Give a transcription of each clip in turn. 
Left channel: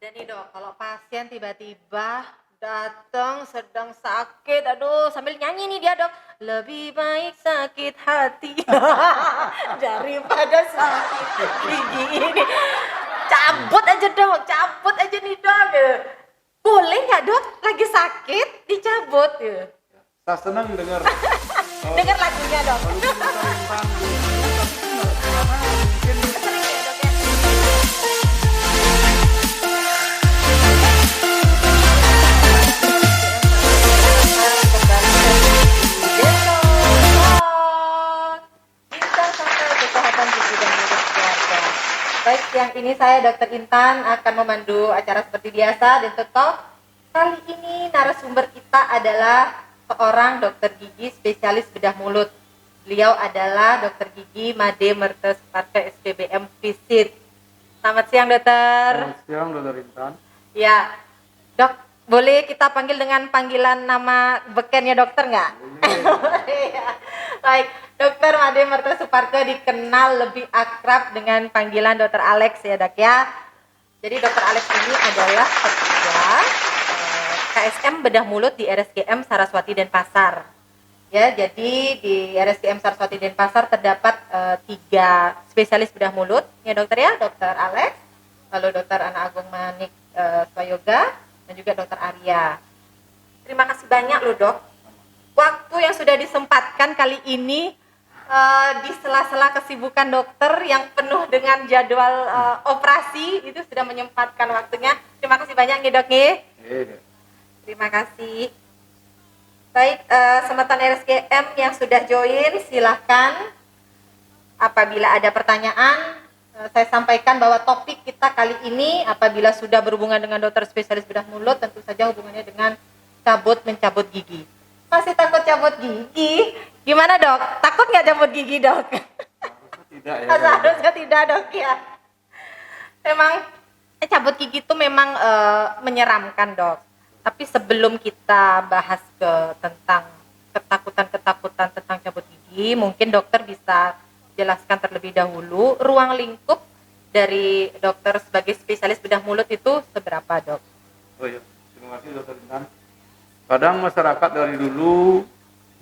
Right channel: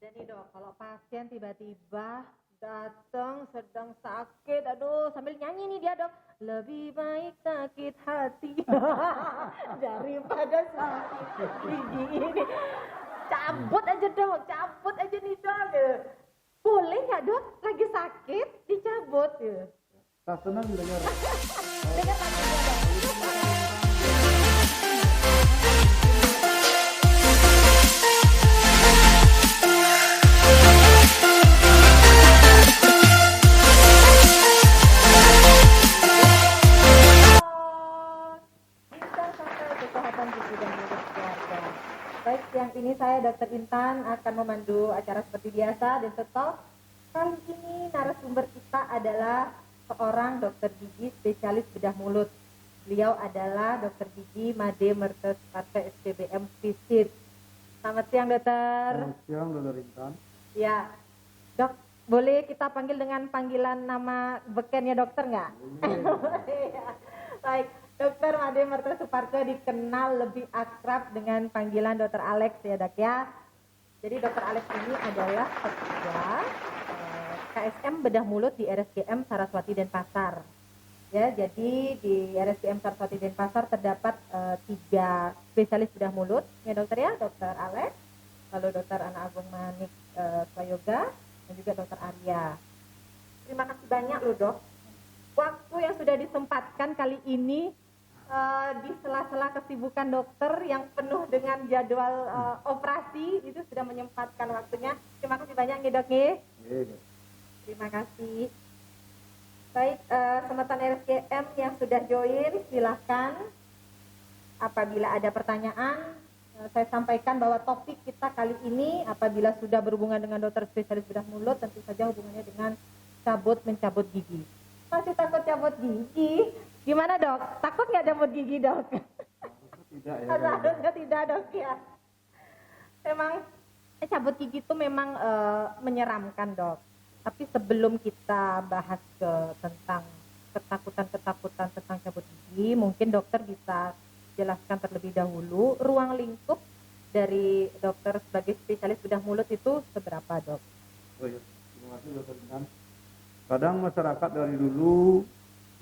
Ada nih dok, kalau pasien tiba-tiba datang sedang sakit, aduh sambil nyanyi nih dia dok, lebih baik sakit hati daripada sakit gigi ini. Cabut aja dok, cabut aja nih dok. Boleh nggak dok? Lagi sakit dicabut. Saya senang dengar Dengar lagunya dok. Intan Sampai Kesehatan Gigi dan Mulut Keluarga. Baik, siang ini saya Dr. Intan akan memandu acara seperti biasa dan tetap kali ini narasumber kita adalah seorang dokter gigi spesialis bedah mulut. Beliau adalah Dr. Gigi Made Mertes Parke SPBM Visit. Selamat siang dokter. Selamat siang Dr. Intan. Ya, dok, boleh kita panggil dengan panggilan nama bekennya dokter nggak? Ya. Baik, Dokter Made Mertes Suparke dikenal lebih akrab dengan panggilan Dokter Alex ya dok ya. Jadi Dokter Alex ini adalah ketua KSM Bedah Mulut di RSGM Saraswati Denpasar. Ya, jadi di RSGM Saraswati Denpasar terdapat 3 spesialis bedah mulut ya dokter ya, Dokter Alex, lalu Dokter Ana Agung Manik Swayoga, dan juga Dokter Arya. Terima kasih banyak loh dok. Waktu yang sudah disempatkan kali ini di sela-sela kesibukan dokter yang penuh dengan jadwal operasi itu sudah menyempatkan waktunya. Terima kasih banyak nih dok nih. Terima kasih. Baik, semeton RSGM yang sudah join silahkan. Apabila ada pertanyaan, saya sampaikan bahwa topik kita kali ini apabila sudah berhubungan dengan dokter spesialis bedah mulut tentu saja hubungannya dengan cabut-mencabut gigi. Masih takut cabut gigi? Gimana dok? Takut nggak cabut gigi dok? Tidak ya. Seharusnya tidak dok ya. Memang cabut gigi itu memang menyeramkan dok. Tapi sebelum kita bahas tentang ketakutan tentang cabut gigi, mungkin dokter bisa jelaskan terlebih dahulu ruang lingkup dari dokter sebagai spesialis bedah mulut itu seberapa dok? Oh ya, terima kasih Dr. Intan. Kadang masyarakat dari dulu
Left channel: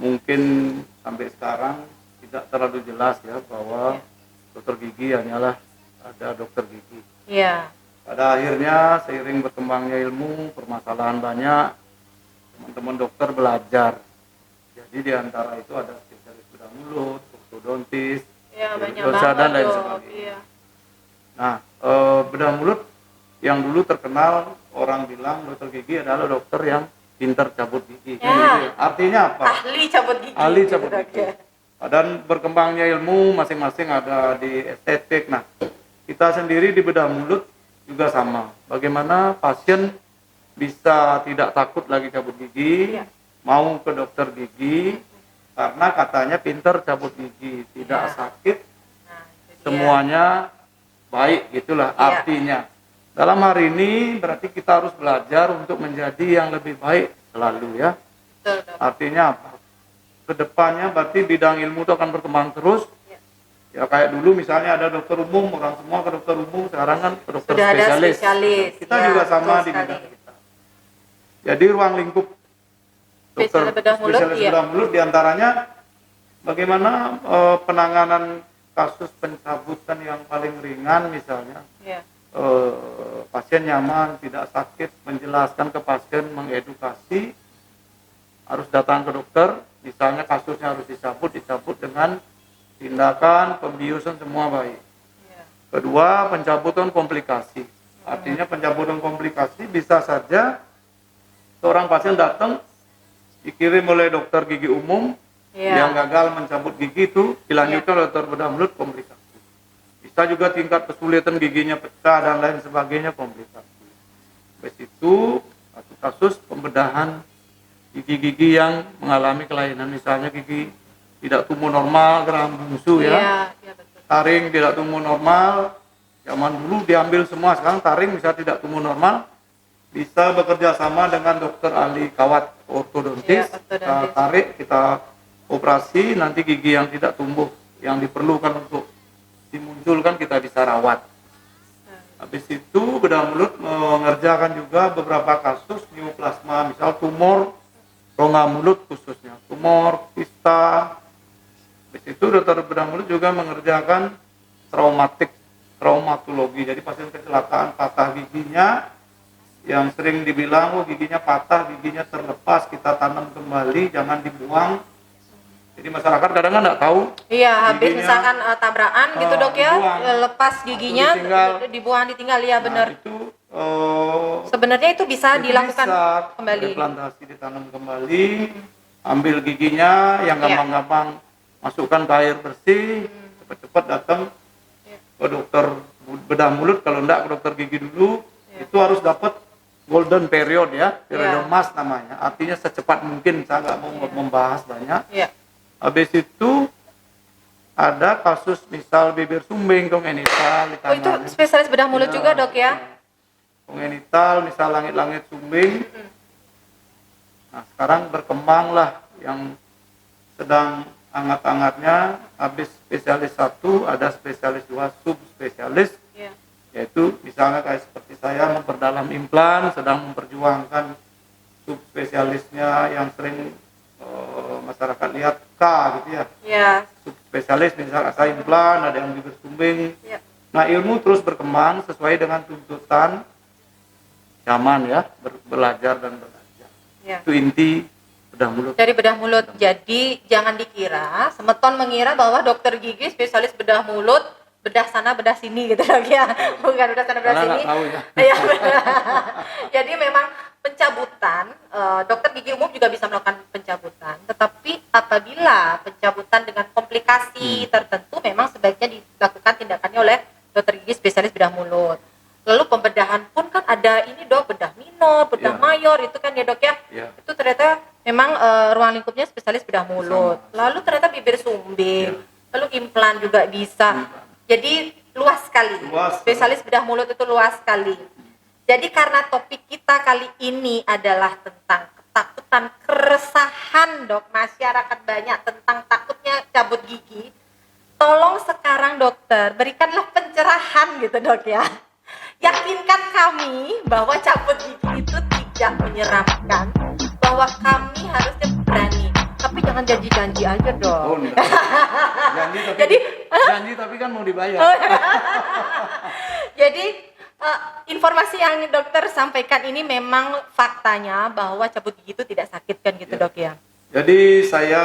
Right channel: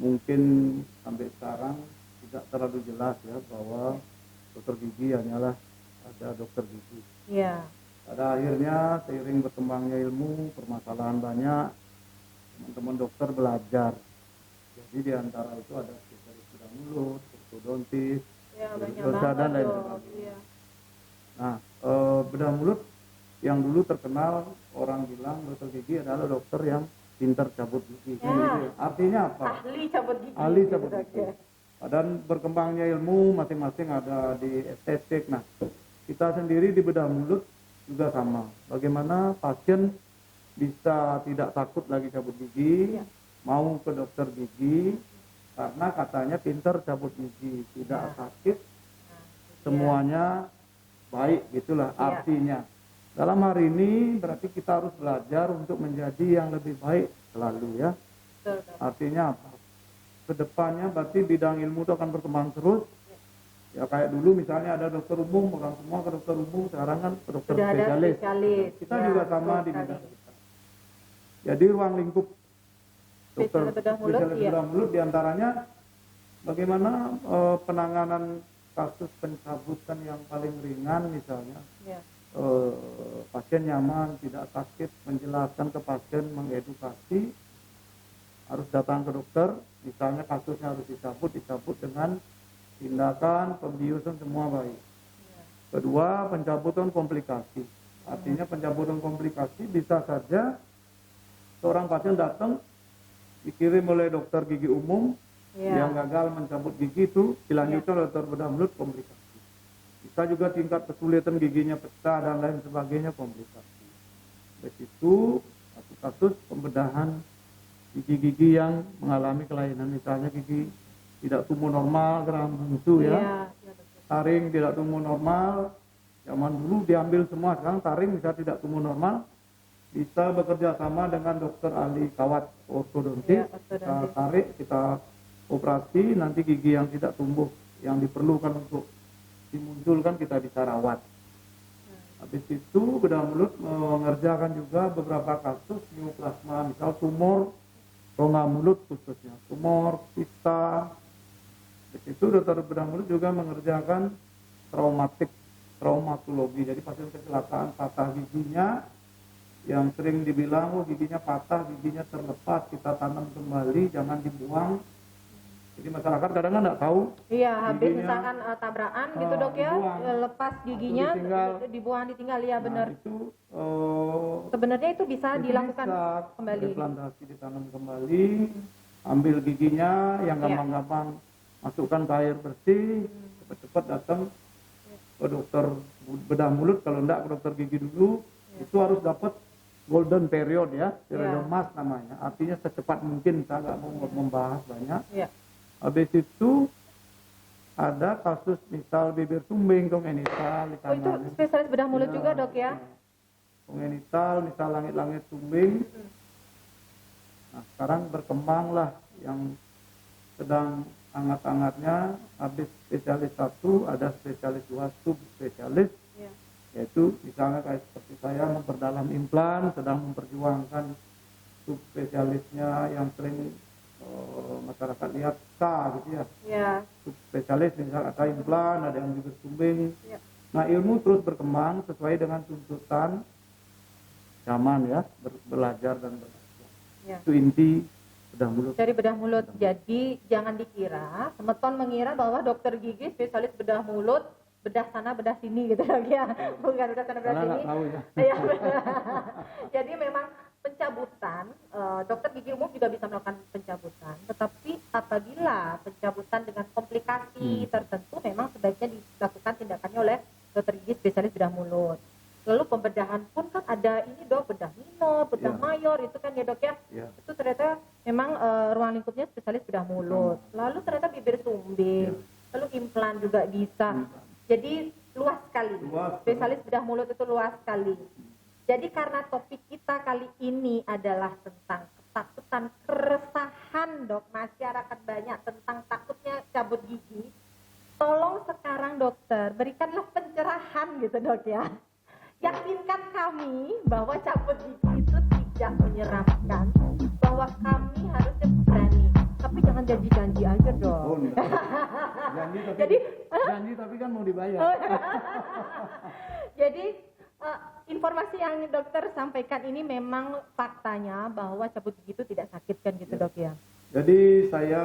mungkin sampai sekarang tidak terlalu jelas ya bahwa dokter gigi hanyalah ada dokter gigi. Iya. Pada akhirnya seiring berkembangnya ilmu, permasalahan banyak, teman-teman dokter belajar. Jadi di antara itu ada spesialis bedah mulut, ortodontis, banyak dan lain dok. sebagainya. Iya. Nah, bedah mulut yang dulu terkenal orang bilang dokter gigi adalah dokter yang pintar cabut gigi. Ya. Artinya apa? Ahli cabut gigi. Ahli cabut Dok, gigi. ya. Dan berkembangnya ilmu masing-masing ada di estetik. Nah, kita sendiri di bedah mulut juga sama. Bagaimana pasien bisa tidak takut lagi cabut gigi, mau ke dokter gigi karena katanya pintar cabut gigi, tidak sakit, semuanya baik, gitulah artinya. Dalam hari ini berarti kita harus belajar untuk menjadi yang lebih baik selalu ya. Betul, dok. Artinya apa? Kedepannya berarti bidang ilmu itu akan berkembang terus. Ya kayak dulu misalnya ada dokter umum, orang semua ke dokter umum, sekarang kan ke dokter Sudah spesialis. ada spesialis. Kita juga sama di bidang kita. Jadi ruang lingkup dokter spesialis bedah mulut diantaranya bagaimana penanganan kasus pencabutan yang paling ringan misalnya. Pasien nyaman, tidak sakit, menjelaskan ke pasien, mengedukasi, harus datang ke dokter, misalnya kasusnya harus dicabut dengan tindakan pembiusan semua baik. Kedua, pencabutan komplikasi. Artinya pencabutan komplikasi bisa saja seorang pasien datang dikirim oleh dokter gigi umum yang gagal mencabut gigi itu dilanjutkan oleh dokter bedah mulut komplikasi. Bisa juga tingkat kesulitan giginya pecah dan lain sebagainya komplikasi. Habis itu kasus pembedahan gigi-gigi yang mengalami kelainan, misalnya gigi tidak tumbuh normal, geram bungsu ya. Taring tidak tumbuh normal. Zaman dulu diambil semua, sekarang taring bisa tidak tumbuh normal. Bisa bekerja sama dengan dokter ahli kawat ortodontis. Kita tarik, kita operasi, nanti gigi yang tidak tumbuh yang diperlukan untuk dimunculkan kita bisa rawat. Habis itu bedah mulut mengerjakan juga beberapa kasus neoplasma, misal tumor rongga mulut khususnya, tumor, kista. Habis itu dokter bedah mulut juga mengerjakan traumatologi. Jadi pasien kecelakaan patah giginya, yang sering dibilang giginya patah, giginya terlepas, kita tanam kembali, jangan dibuang. Jadi masyarakat kadang kan nggak tahu. Iya, habis giginya, misalkan tabrakan gitu dok ya, dibuang, lepas giginya, dibuang ditinggal ya benar. Nah, itu Sebenarnya itu bisa dilakukan bisa kembali. replantasi, ditanam kembali, ambil giginya yang gampang-gampang, masukkan ke air bersih, cepat-cepat datang ke dokter bedah mulut, kalau enggak ke dokter gigi dulu. Itu harus dapat golden period ya, periode emas namanya, artinya secepat mungkin. Saya nggak mau membahas banyak. Habis itu ada kasus misal bibir sumbing kongenital di itu tangan. spesialis bedah mulut juga dok ya? Kongenital misal langit-langit sumbing. Nah sekarang berkembanglah yang sedang hangat-hangatnya, habis spesialis 1 ada spesialis 2 subspesialis. Yaitu misalnya kayak seperti saya memperdalam implan, sedang memperjuangkan subspesialisnya yang sering masyarakat lihat K gitu ya. Subspesialis misalnya saya implan, ada yang bibir sumbing. Nah ilmu terus berkembang sesuai dengan tuntutan zaman ya, belajar dan belajar. Itu inti bedah mulut. Dari bedah mulut. Jadi jangan dikira, semeton mengira bahwa dokter gigi spesialis bedah mulut, bedah sana bedah sini gitu dok ya. Bukan bedah sana bedah sini. Tahu ya. Jadi memang pencabutan, dokter gigi umum juga bisa melakukan pencabutan, tetapi apabila pencabutan dengan komplikasi tertentu memang sebaiknya dilakukan tindakannya oleh dokter gigi spesialis bedah mulut. Lalu pembedahan pun kan ada ini dok, bedah minor, bedah mayor, itu kan ya dok ya. Itu ternyata memang ruang lingkupnya spesialis bedah mulut. Lalu ternyata bibir sumbing, lalu implan juga bisa. Jadi luas sekali. Spesialis bedah mulut itu luas sekali. Jadi karena topik kita kali ini adalah tentang ketakutan, keresahan dok, masyarakat banyak tentang takutnya cabut gigi. Tolong sekarang dokter berikanlah pencerahan gitu dok ya. Yakinkan kami bahwa cabut gigi itu tidak menyeramkan, bahwa kami harusnya berani. Tapi jangan janji-janji aja dong. Janji tapi kan mau dibayar. Jadi informasi yang dokter sampaikan ini memang faktanya bahwa cabut gigi itu tidak sakit kan gitu dok ya. Jadi saya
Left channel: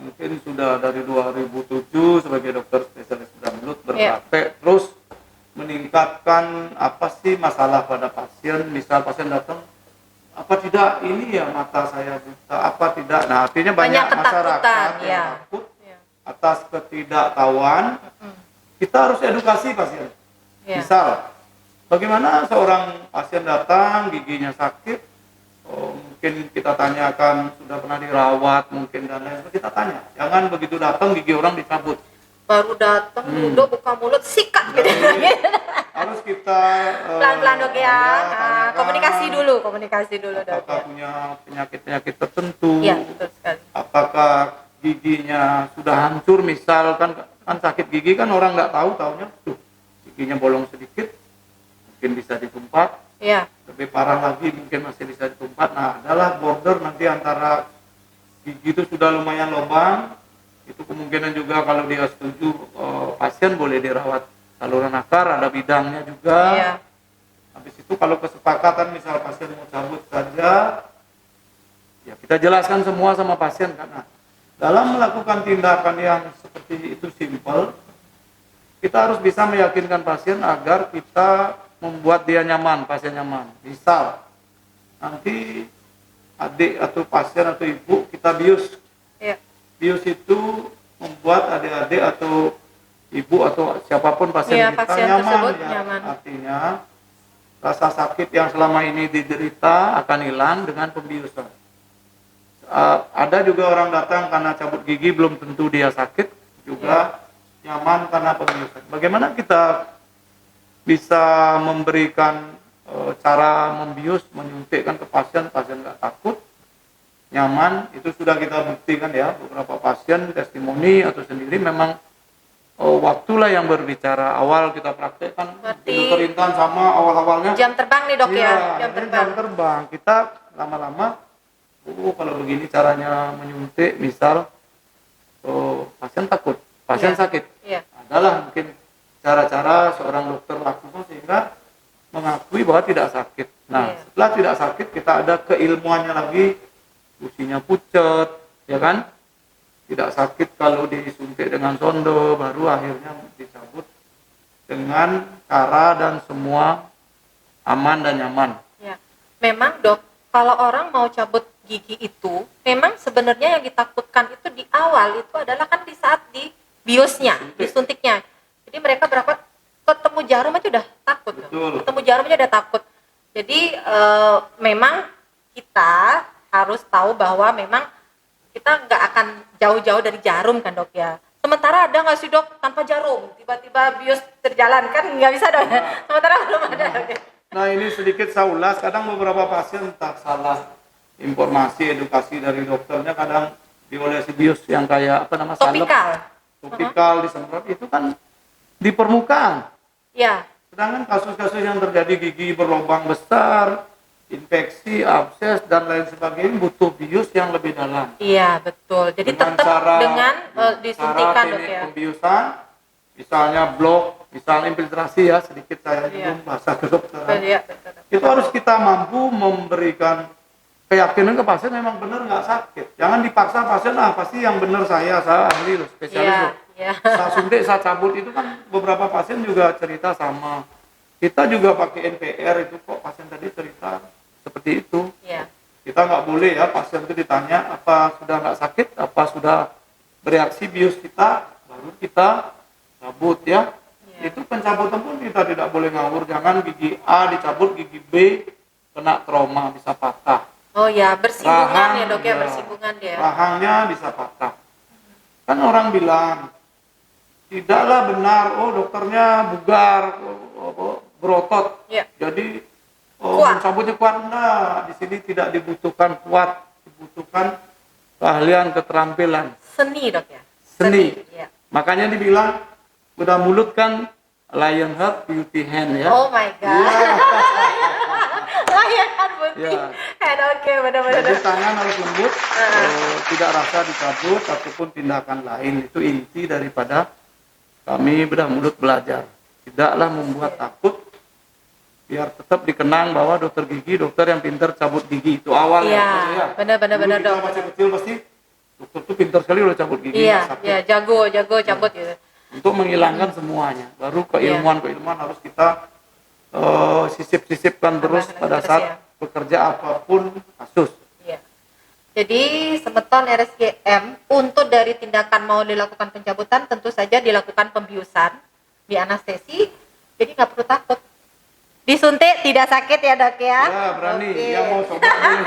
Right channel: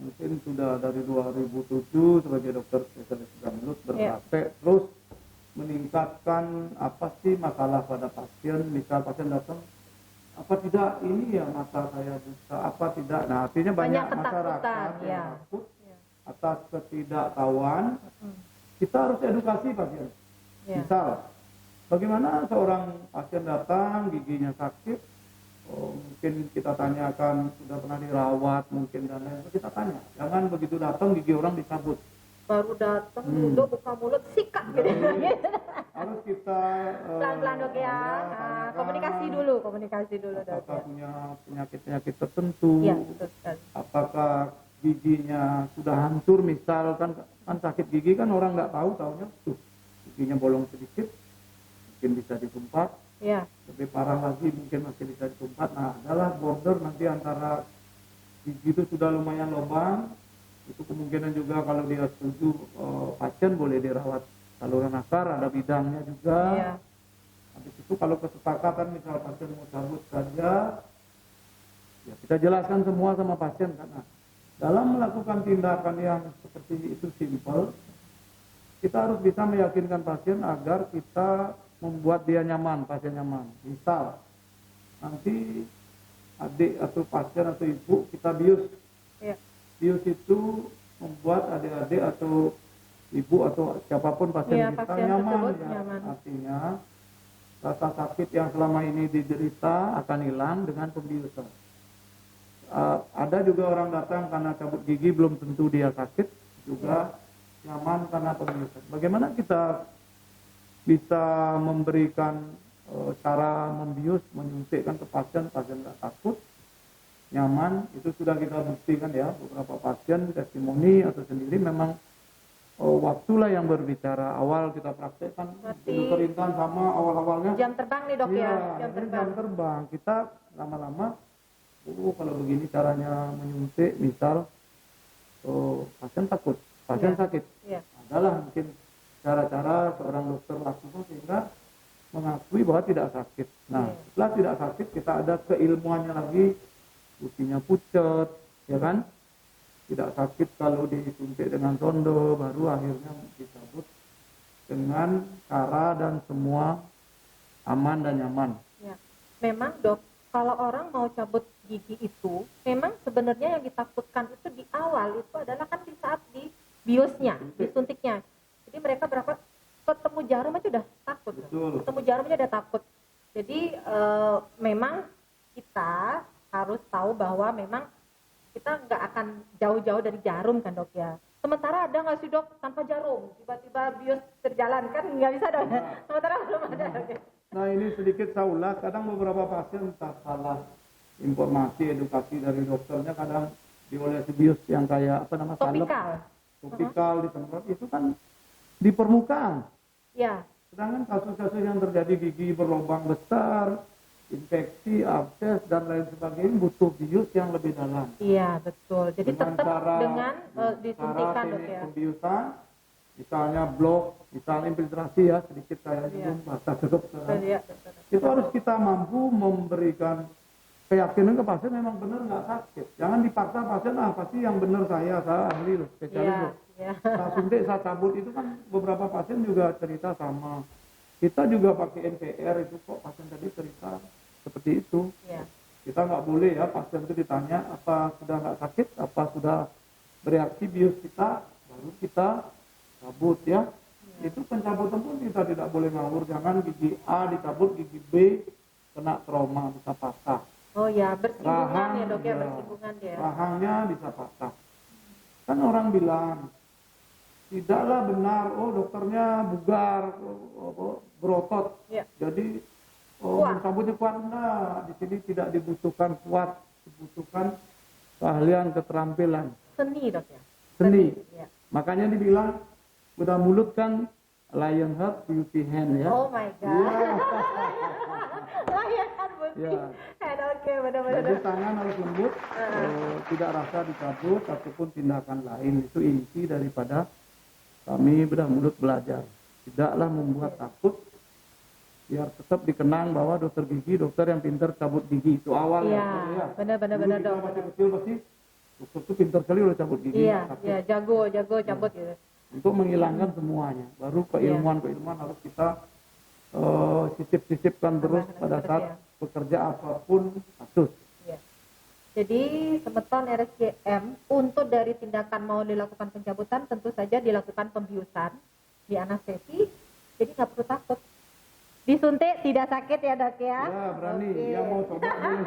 mungkin sudah dari 2007 sebagai dokter spesialis bedah mulut berpraktek terus meningkatkan apa sih masalah pada pasien. Misal pasien datang, apa tidak ini ya mata saya buta, apa tidak. Nah artinya banyak masyarakat yang takut atas ketidaktahuan. Kita harus edukasi pasien. Misal bagaimana seorang pasien datang giginya sakit, mungkin kita tanyakan sudah pernah dirawat mungkin dan lain sebagainya, kita tanya. Jangan begitu datang gigi orang dicabut. Baru datang duduk buka mulut sikat gitu. Harus kita pelan-pelan dok ya. Komunikasi dulu dok. Apakah punya penyakit tertentu? Iya, betul sekali. Apakah giginya sudah hancur, misalkan kan sakit gigi kan orang nggak taunya tuh giginya bolong sedikit, mungkin bisa ditumpat. Lebih parah lagi mungkin masih bisa ditumpat. Nah adalah border nanti antara gigi itu sudah lumayan lubang, itu kemungkinan juga kalau dia setuju pasien boleh dirawat saluran akar, ada bidangnya juga. Habis itu kalau kesepakatan misal pasien mau cabut saja, ya kita jelaskan semua sama pasien. Karena dalam melakukan tindakan yang seperti itu simple, kita harus bisa meyakinkan pasien agar kita membuat dia nyaman, pasien nyaman. Misal nanti adik atau pasien atau ibu kita bius. Bius itu membuat adik-adik atau ibu atau siapapun pasien kita pasien nyaman. Artinya rasa sakit yang selama ini diderita akan hilang dengan pembiusan. Ada juga orang datang karena cabut gigi belum tentu dia sakit, juga nyaman karena pembiusan. Bagaimana kita bisa memberikan cara membius, menyuntikkan ke pasien nggak takut, nyaman. Itu sudah kita buktikan ya, beberapa pasien testimoni atau sendiri memang waktulah yang berbicara. Awal kita praktekkan Berarti di Dokter Intan sama awal-awalnya. Jam terbang nih dok Iya, ya, jam ini terbang. jam terbang. Kita lama-lama, kalau begini caranya menyuntik, misal pasien takut, pasien Iya. sakit. Iya. Adalah mungkin cara-cara seorang dokter lakukan sehingga mengakui bahwa tidak sakit. Nah, Iya. setelah tidak sakit kita ada keilmuannya lagi, usinya pucat, ya kan? Tidak sakit kalau disuntik dengan sondo, baru akhirnya dicabut dengan cara dan semua aman dan nyaman. Ya. Memang dok, kalau orang mau cabut gigi itu, memang sebenarnya yang ditakutkan itu di awal itu adalah kan di saat di biusnya, disuntiknya. Jadi mereka berapa ketemu jarum aja udah takut. Dok. Betul. Ketemu jarum aja udah takut. Jadi memang kita harus tahu bahwa memang kita nggak akan jauh-jauh dari jarum kan dok ya. Sementara ada nggak sih dok tanpa jarum tiba-tiba bius terjalan kan nggak bisa dok. Sementara belum ada. Dok. Nah, ini sedikit saya ulas. Kadang beberapa pasien tak salah informasi edukasi dari dokternya, kadang diolesi bius yang kayak apa nama salep, topikal disemprot itu kan di permukaan. Ya. Sedangkan kasus-kasus yang terjadi gigi berlubang besar, infeksi, abses dan lain sebagainya butuh bius yang lebih dalam. Iya betul. Jadi Dengan tetap cara- dengan Cara disuntikan dok teknik ya. pembiusan, misalnya blok, misalnya infiltrasi ya, sedikit saya Iya. belum bahasa kedokteran. Iya, betul. Itu harus kita mampu memberikan keyakinan ke pasien memang benar nggak sakit. Jangan dipaksa pasien, pasti yang benar saya ahli loh, spesialis Iya, loh. iya. Saya suntik, saya cabut, itu kan beberapa pasien juga cerita sama. Kita juga pakai NPR itu kok pasien tadi cerita seperti itu. Iya. Kita nggak boleh ya pasien itu ditanya apa sudah nggak sakit, apa sudah bereaksi bius kita, baru kita cabut ya. Iya. Itu pencabutan pun kita tidak boleh ngawur. Jangan gigi A dicabut, gigi B kena trauma bisa patah. Oh ya, bersinggungan Rahang, ya dok ya, ya. bersinggungan ya. Rahangnya bisa patah. Kan orang bilang tidaklah benar, dokternya bugar, berotot, Iya. jadi Kuat. mencabutnya kuat. Nah, di sini tidak dibutuhkan kuat, dibutuhkan keahlian, keterampilan, Seni dok ya. seni. Ya. Makanya dibilang udah mulut kan lion heart, beauty hand ya. Oh my god. Iya. Layangan putih. Iya. Head oke, benar-benar. Jadi tangan harus lembut, tidak rasa dicabut ataupun tindakan lain. Itu inti daripada kami bedah mulut belajar. Tidaklah membuat takut, biar tetap dikenang bahwa dokter gigi dokter yang pintar cabut gigi. Itu awalnya. Iya, benar-benar Dulu kita dok. masih kecil pasti dokter tuh pintar sekali udah cabut gigi, Iya, nggak sakit. iya, jago cabut gitu. Untuk menghilangkan semuanya. Baru keilmuan harus kita sisip-sisipkan terus Tambahkan pada terus saat ya. bekerja apapun kasus. Iya. Jadi semeton RSGM untuk dari tindakan mau dilakukan pencabutan tentu saja dilakukan pembiusan di anestesi. Jadi nggak perlu takut. Disuntik tidak sakit ya dok ya? Ya, berani. Oke. Yang mau coba boleh.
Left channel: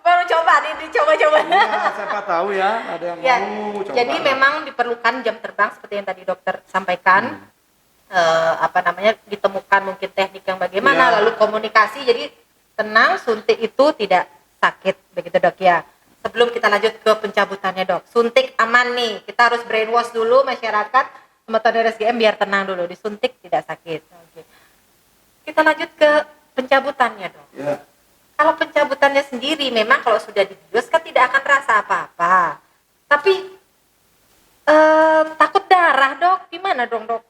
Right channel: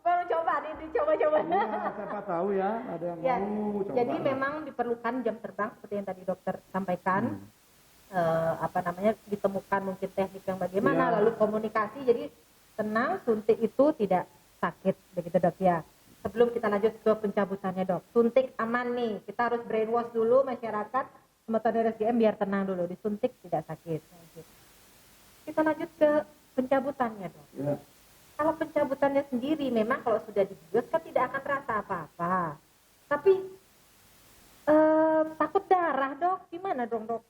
Baru coba dicoba-coba. Iya, siapa tahu ya, ada yang Ya, mau coba. jadi memang diperlukan jam terbang seperti yang tadi dokter sampaikan. Ditemukan mungkin teknik yang bagaimana, Ya. lalu komunikasi. Jadi tenang, suntik itu tidak sakit, begitu dok ya. Sebelum kita lanjut ke pencabutannya dok, suntik aman nih. Kita harus brainwash dulu masyarakat, semeton RSGM biar tenang dulu. Disuntik tidak sakit. Oke. Kita lanjut ke pencabutannya dok. Ya. Kalau pencabutannya sendiri memang kalau sudah dibius kan tidak akan rasa apa-apa. Tapi takut darah dok, gimana dong dok?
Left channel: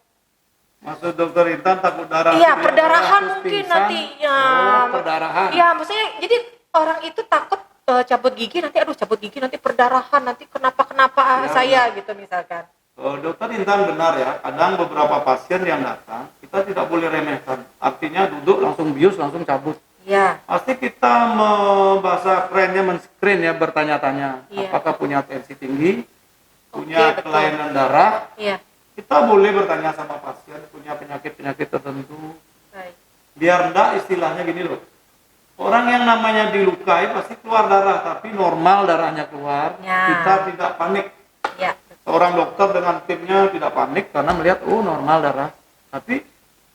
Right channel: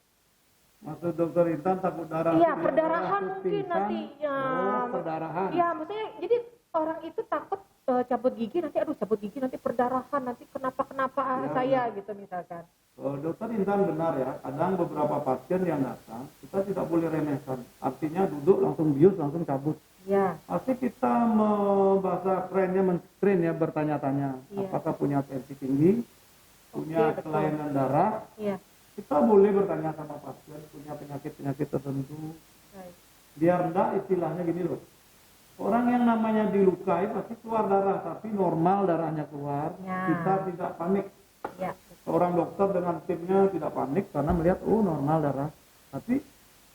Maksud dokter Intan takut darah? Iya, ya, perdarahan terus mungkin pingsan. nantinya. Oh, perdarahan. Iya, maksudnya jadi orang itu takut cabut gigi nanti, aduh cabut gigi nanti perdarahan, nanti kenapa Ya, saya gitu misalkan. Dokter Intan benar ya, kadang beberapa pasien yang datang, kita tidak boleh remehkan. Artinya duduk langsung bius, langsung cabut. Iya, Pasti kita bahasa kerennya men-screen ya, bertanya-tanya. Iya. Apakah punya tensi tinggi, punya betul. kelainan darah. iya. Kita boleh bertanya sama pasien, punya penyakit-penyakit tertentu. Baik. Biar enggak istilahnya gini loh. Orang yang namanya dilukai pasti keluar darah, tapi normal darahnya keluar. Ya. Kita tidak panik. Ya, Seorang dokter dengan timnya tidak panik karena melihat normal darah. Tapi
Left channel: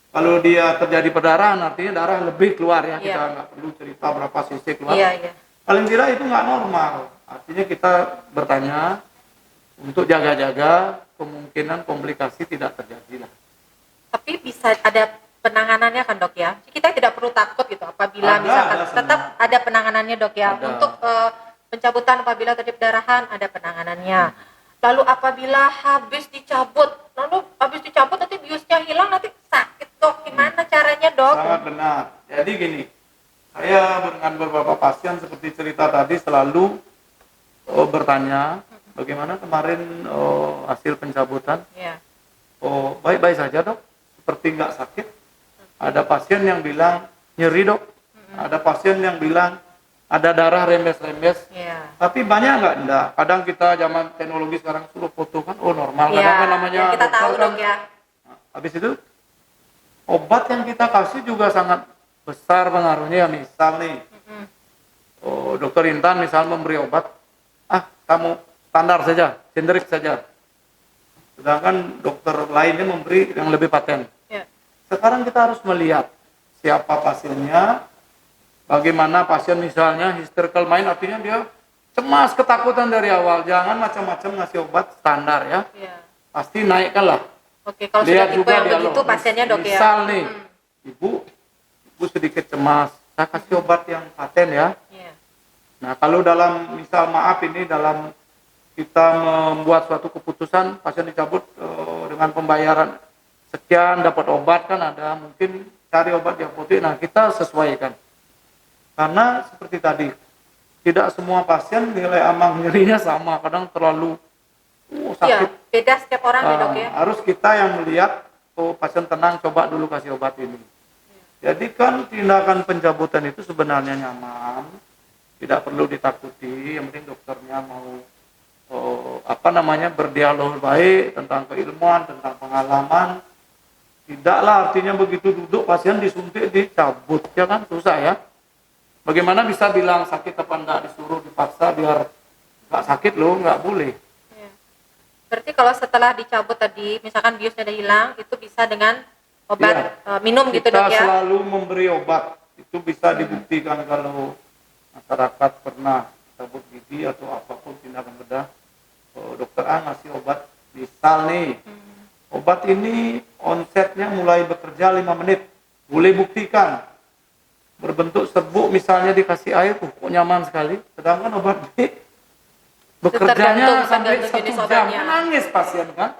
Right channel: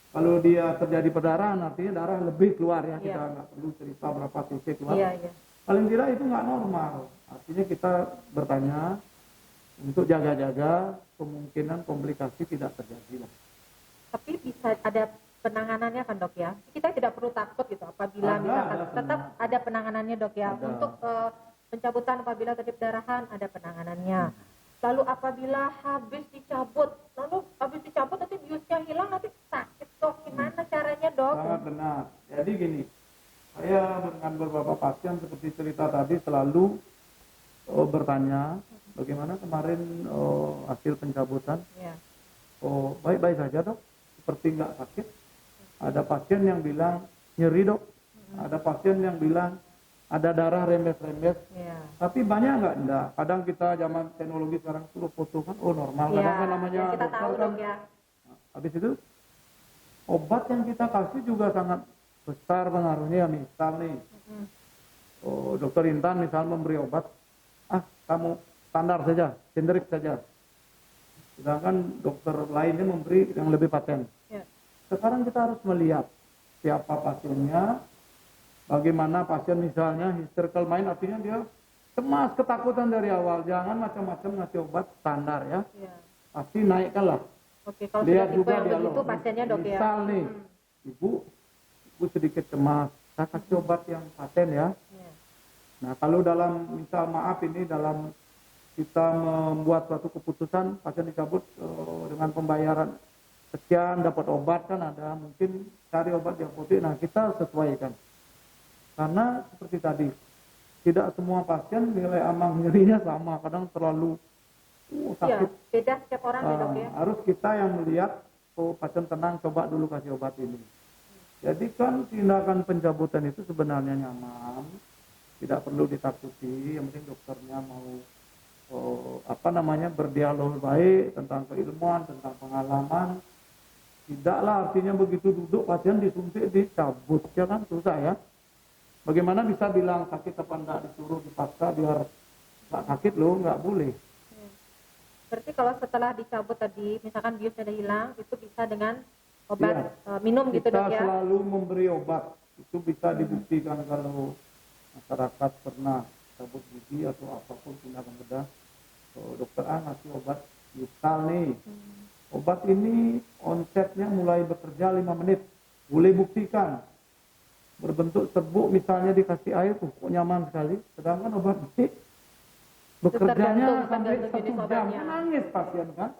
kalau dia terjadi perdarahan artinya darah lebih keluar ya. Iya. Kita nggak perlu cerita berapa cc keluar. iya. Paling tidak itu nggak normal. Artinya kita bertanya untuk jaga-jaga kemungkinan komplikasi tidak terjadi lah. Tapi bisa ada penanganannya kan dok ya? Kita tidak perlu takut gitu apabila misalkan tetap ada penanganannya dok ya. Ada. Untuk pencabutan apabila terjadi perdarahan ada penanganannya. Lalu apabila habis dicabut nanti biusnya hilang, nanti sakit dok. Gimana caranya dok? Sangat benar. Jadi gini, saya dengan beberapa pasien seperti cerita tadi selalu bertanya bagaimana kemarin hasil pencabutan. Ya. Oh, baik-baik saja dok, seperti nggak sakit. Ada pasien yang bilang nyeri dok, ada pasien yang bilang ada darah rembes-rembes. Ya. Tapi banyak enggak? Kadang kita zaman teknologi sekarang suruh foto kan, oh normal. Kadang kan namanya ya, kita dokter tahu kan. dok ya. Habis itu obat yang kita kasih juga sangat besar pengaruhnya. Misal nih, dokter Intan misal memberi obat, kamu standar saja, generik saja. Sedangkan dokter lainnya memberi yang lebih paten. Ya. Sekarang kita harus melihat siapa pasiennya, bagaimana pasien misalnya hysterical mind, artinya dia cemas, ketakutan dari awal. Jangan macam-macam ngasih obat standar ya. Ya. Pasti naikkan lah. Oke, kalau Lihat sudah tipe juga yang dialog. begitu pasiennya dok ya. Misal nih, ibu sedikit cemas, saya kasih obat yang paten ya. Ya. Nah kalau dalam misal maaf ini dalam kita membuat suatu keputusan pasien dicabut dengan pembayaran sekian dapat obat kan ada, mungkin cari obat di apotek. Nah kita sesuaikan karena seperti tadi tidak semua pasien nilai amang nyerinya sama, kadang terlalu sakit. Ya, beda setiap orang ya dok ya. Harus kita yang melihat, pasien tenang, coba dulu kasih obat ini. Jadi kan tindakan pencabutan itu sebenarnya nyaman, tidak perlu ditakuti. Yang penting dokternya mau berdialog baik tentang keilmuan, tentang pengalaman. Tidaklah artinya begitu duduk pasien disuntik dicabut, ya kan susah ya. Bagaimana bisa bilang sakit apa enggak, disuruh dipaksa biar nggak sakit loh, nggak boleh. Berarti kalau setelah dicabut tadi, misalkan biusnya udah hilang, itu bisa dengan obat minum gitu dok ya? Kita selalu memberi obat. Itu bisa dibuktikan kalau masyarakat pernah cabut gigi atau apapun tindakan bedah. Dokter A ngasih obat, misal nih, obat ini onsetnya mulai bekerja 5 menit. Boleh buktikan. Berbentuk serbuk misalnya dikasih air, kok nyaman sekali. Sedangkan obat B bekerjanya sampai 1 jam, menangis pasien kan.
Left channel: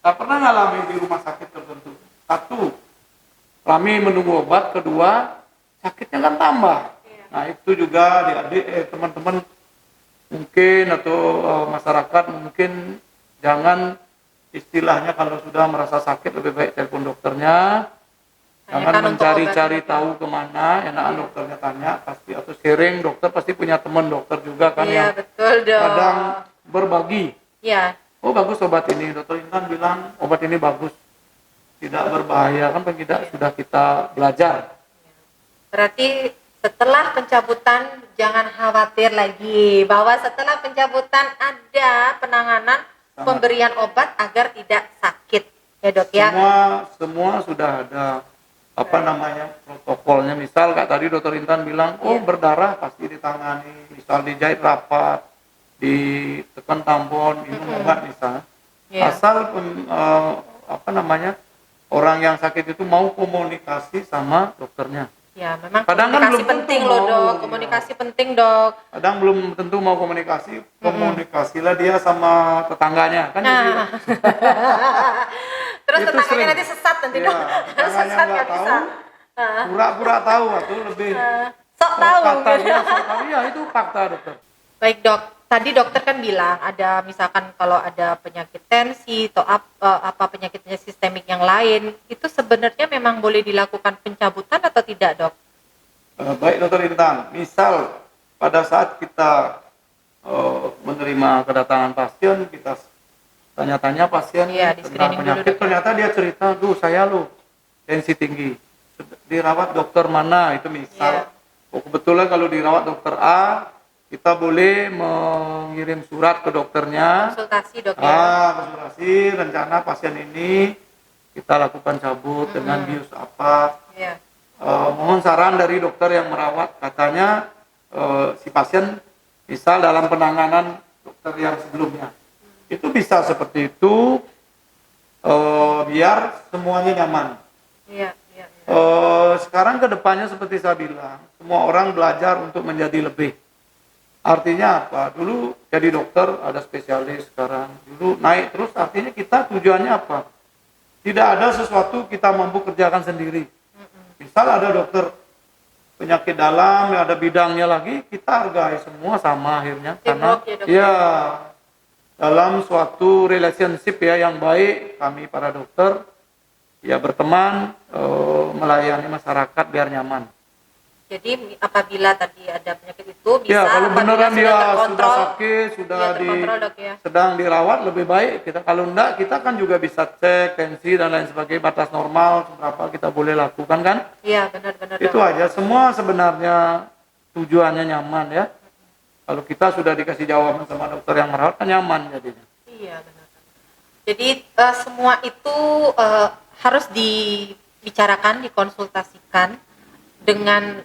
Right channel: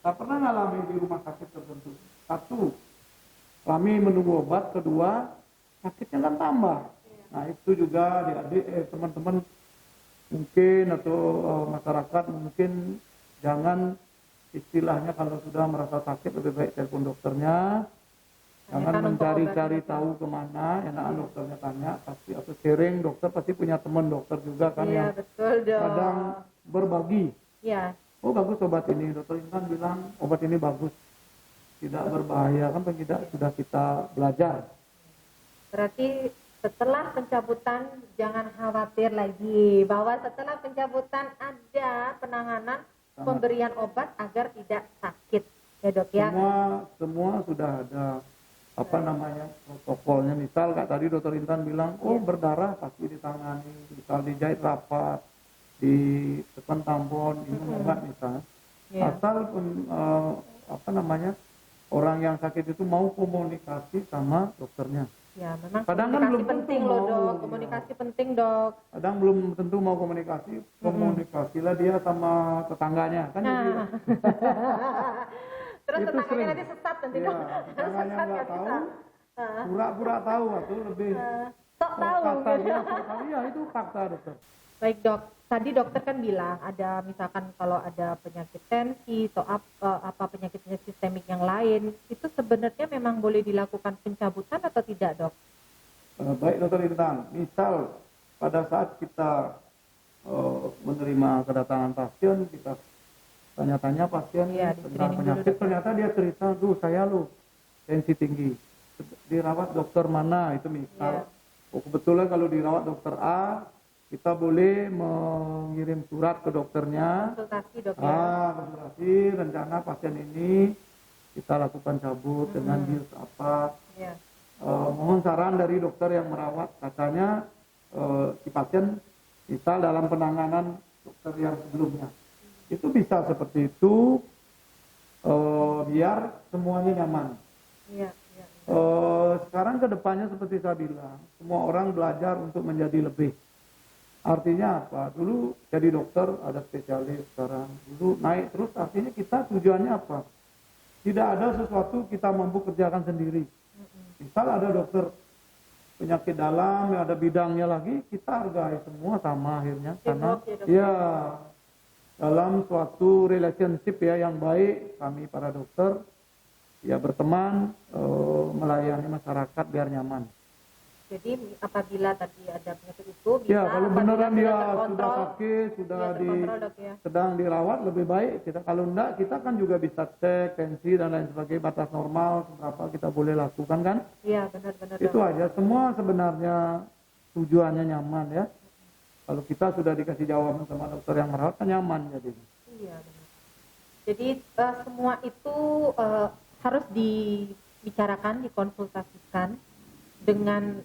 Saya pernah ngalami di rumah sakit tertentu. 1, kami menunggu obat. 2, sakitnya kan tambah. Nah itu juga adik-adik, teman-teman mungkin atau masyarakat mungkin jangan istilahnya kalau sudah merasa sakit lebih baik telepon dokternya. Jangan mencari-cari tahu kemana, enakan dokternya tanya pasti, atau sharing, dokter pasti punya teman dokter juga kan ya. Betul dong. Kadang berbagi. Iya. Oh bagus obat ini, dokter Intan bilang obat ini bagus, tidak berbahaya kan, tidak sudah kita belajar. Berarti setelah pencabutan jangan khawatir lagi bahwa setelah pencabutan ada penanganan pemberian obat agar tidak sakit ya dok ya. Semua sudah ada protokolnya. Misal kayak tadi dokter Intan bilang berdarah pasti ditangani, misal dijahit rapat, ditekan tampon, minum obat misalnya. Asal orang yang sakit itu mau komunikasi sama dokternya. Ya, memang kadang komunikasi penting loh dok, komunikasi penting dok. Kadang belum tentu mau komunikasi, komunikasilah dia sama tetangganya kan. Terus tetangganya nanti sesat nanti dok. Tetangganya nggak tahu, pura-pura tahu atau lebih sok tahu. Ya itu fakta dokter. Baik dok, tadi dokter kan bilang ada misalkan kalau ada penyakit tensi atau penyakitnya sistemik yang lain, itu sebenarnya memang boleh dilakukan pencabutan atau tidak dok? Baik dokter Intan, misal pada saat kita menerima kedatangan pasien, kita tanya-tanya pasien tentang penyakit, ternyata dia cerita, saya tensi tinggi, dirawat dokter mana, itu misal. Kebetulan kalau dirawat dokter A, kita boleh mengirim surat ke dokternya, konsultasi dok ya. Konsultasi, rencana pasien ini kita lakukan cabut dengan bius apa. Mohon saran dari dokter yang merawat, katanya si pasien misal dalam penanganan dokter yang sebelumnya Itu bisa seperti itu, biar semuanya nyaman. Iya, iya. Sekarang ke depannya seperti saya bilang, semua orang belajar untuk menjadi lebih. Artinya apa? Dulu jadi dokter ada spesialis, sekarang dulu naik terus, artinya kita tujuannya apa? Tidak ada sesuatu kita mampu kerjakan sendiri. Misal ada dokter penyakit dalam, ada bidangnya lagi, kita hargai semua sama akhirnya. Karena Teamwork ya, Dok. ya dalam suatu relationship ya yang baik, kami para dokter ya berteman, melayani masyarakat biar nyaman. Jadi apabila tadi ada penyakit itu bisa Ya kalau apabila beneran dia sudah terkontrol, sakit, sudah ya, terkontrol, Dok, ya. sedang dirawat, lebih baik kita. Kalau enggak, kita kan juga bisa cek tensi dan lain sebagainya, batas normal berapa kita boleh lakukan kan. Iya, benar-benar, Itu Dok. aja, semua sebenarnya tujuannya nyaman ya. Kalau kita sudah dikasih jawaban sama dokter yang merawat, kan nyaman jadinya. Iya, benar. Jadi semua itu harus dibicarakan, dikonsultasikan dengan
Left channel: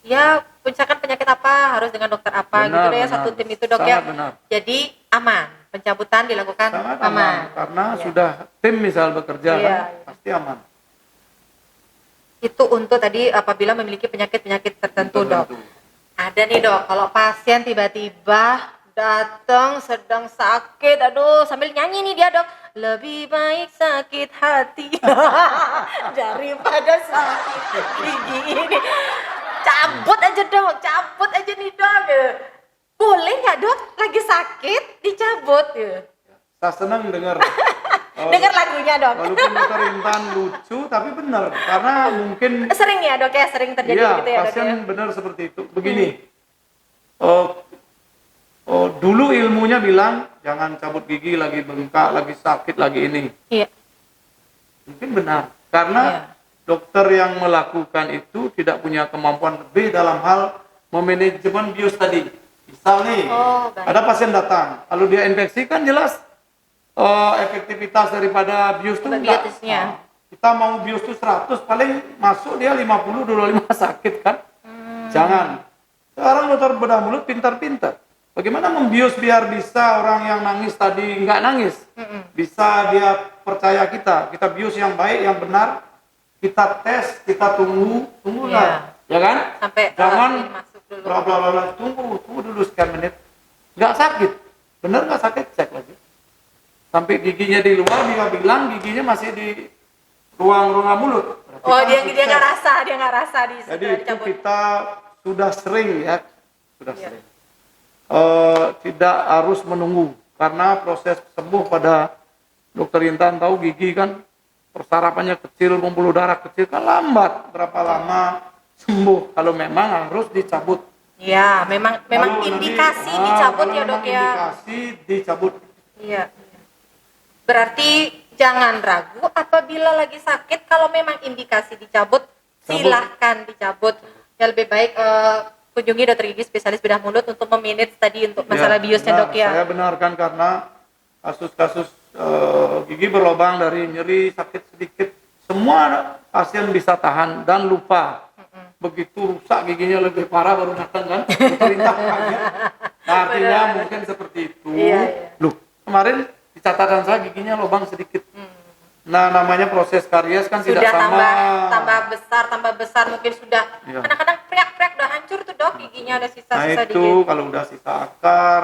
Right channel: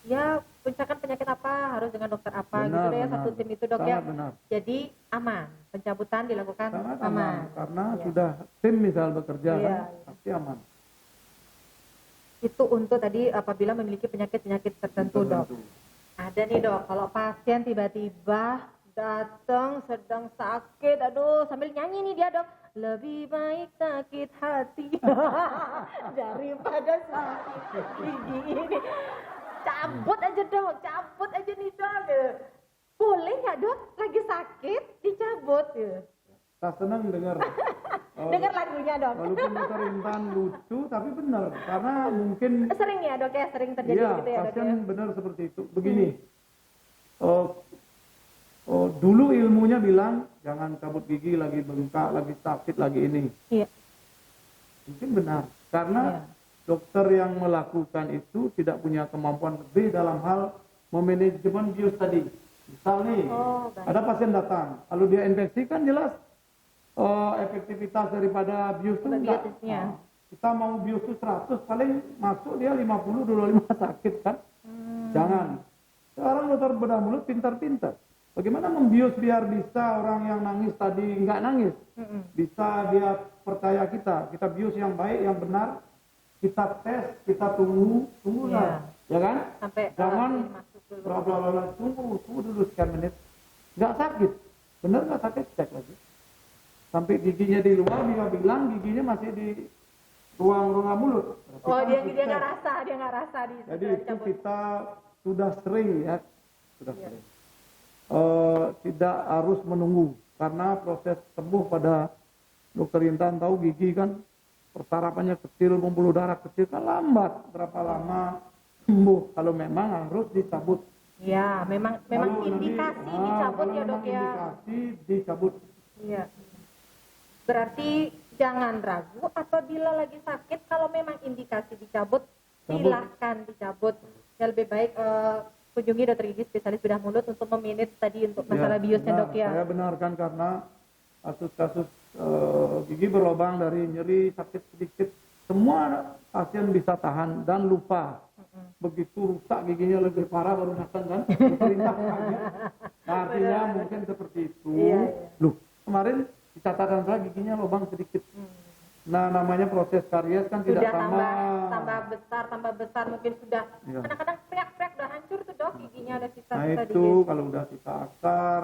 ya misalkan penyakit apa harus dengan dokter apa Benar, gitu deh ya, benar. satu tim itu, Dok, Sangat ya. benar. Jadi aman, pencabutan dilakukan Sangat aman. aman, karena Iya. sudah tim misal bekerja Iya, kan, iya. pasti aman. Itu untuk tadi apabila memiliki penyakit-penyakit tertentu, Dok. Ada nih, Dok, kalau pasien tiba-tiba datang sedang sakit, aduh sambil nyanyi nih dia, Dok. Lebih baik sakit hati daripada sakit gigi ini. Cabut aja, Dok, cabut aja nih, Dok. Boleh nggak, Dok? Lagi sakit dicabut ya. Saya senang dengar. Dengar lagunya, Dok. Walaupun dokter Intan lucu, tapi benar. Karena mungkin Sering ya, Dok, ya, sering terjadi iya, begitu ya, Dok, pasien ya. benar seperti itu. Begini, dulu ilmunya bilang jangan cabut gigi lagi bengkak, lagi sakit, lagi ini. Iya. Mungkin benar, karena Iya. dokter yang melakukan itu tidak punya kemampuan lebih dalam hal memanajemen bius tadi. Misal nih, Oh, baik. ada pasien datang, kalau dia infeksi kan jelas efektivitas daripada bius itu enggak. Biosnya. Kita mau bius itu 100, paling masuk dia 50, 25 sakit kan. Jangan. Sekarang dokter bedah mulut pintar-pintar. Bagaimana membius biar bisa orang yang nangis tadi nggak nangis. Bisa dia percaya kita bius yang baik, yang benar. Kita tes, kita tunggu lah. Ya kan? Sampai Jangan masuk dulu. bla bla bla, tunggu dulu sekian menit. Nggak sakit. Benar nggak sakit? Cek lagi. Sampai giginya di luar, dia bilang giginya masih di ruang mulut. Berarti Oh, kan dia sukses. nggak rasa di Jadi itu dicabut. kita sudah sering ya, sudah Iya. sering. Tidak harus menunggu karena proses sembuh pada dokter Intan tahu gigi kan persarapannya kecil, pembuluh darah kecil kan lambat. Berapa lama sembuh kalau memang harus dicabut. Ya, memang Kalau nanti, indikasi dicabut kalau ya, Dok, memang ya. Indikasi dicabut. Iya. Berarti jangan ragu apabila lagi sakit, kalau memang indikasi dicabut, silahkan dicabut. Ya lebih baik kunjungi dokter gigi spesialis bedah mulut untuk memanage tadi untuk masalah biusnya, benar. Dok, ya. Saya benarkan karena kasus-kasus gigi berlubang dari nyeri, sakit sedikit, semua pasien bisa tahan dan lupa. Begitu rusak giginya lebih parah baru datang kan, perintah kaget. Nah, artinya mungkin seperti itu. Iya, iya. Loh, kemarin di catatan saya giginya lubang sedikit. Nah, namanya proses karies kan Sudah tidak sama. tambah besar mungkin sudah. Iya. Kadang-kadang priak-priak udah hancur tuh, Dok, giginya ada Nah sisa-sisa itu dikit. kalau udah sisa akar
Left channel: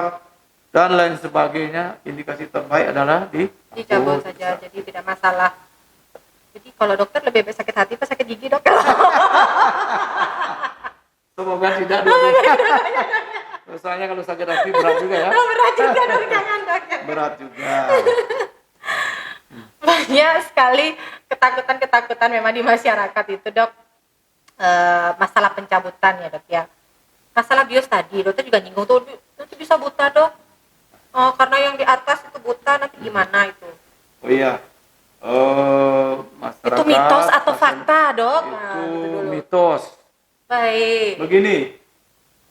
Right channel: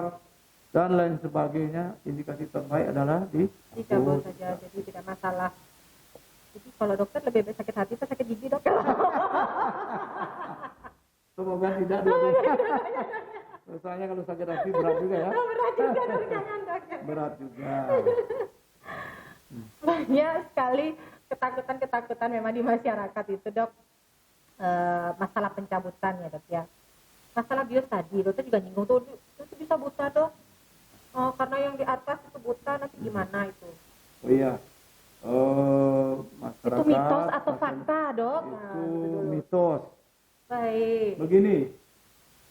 dan lain sebagainya, indikasi terbaik adalah Dicabut saja, jadi tidak masalah. Jadi kalau dokter lebih baik sakit hati atau sakit gigi, Dok? Semoga tidak dulu. Soalnya kalau sakit hati berat juga ya. Berat juga, Dok, jangan, Dok. Berat juga. Banyak sekali ketakutan memang di masyarakat itu, Dok. Masalah pencabutan ya, Dok, ya. Masalah bius tadi, dokter juga nyinggung tuh, nanti bisa buta, Dok. Karena yang di atas itu buta, nanti gimana itu? Oh iya. Masyarakat. Itu mitos atau pasien- fakta, Dok? Nah, Itu gitu dulu. mitos. Baik. Begini,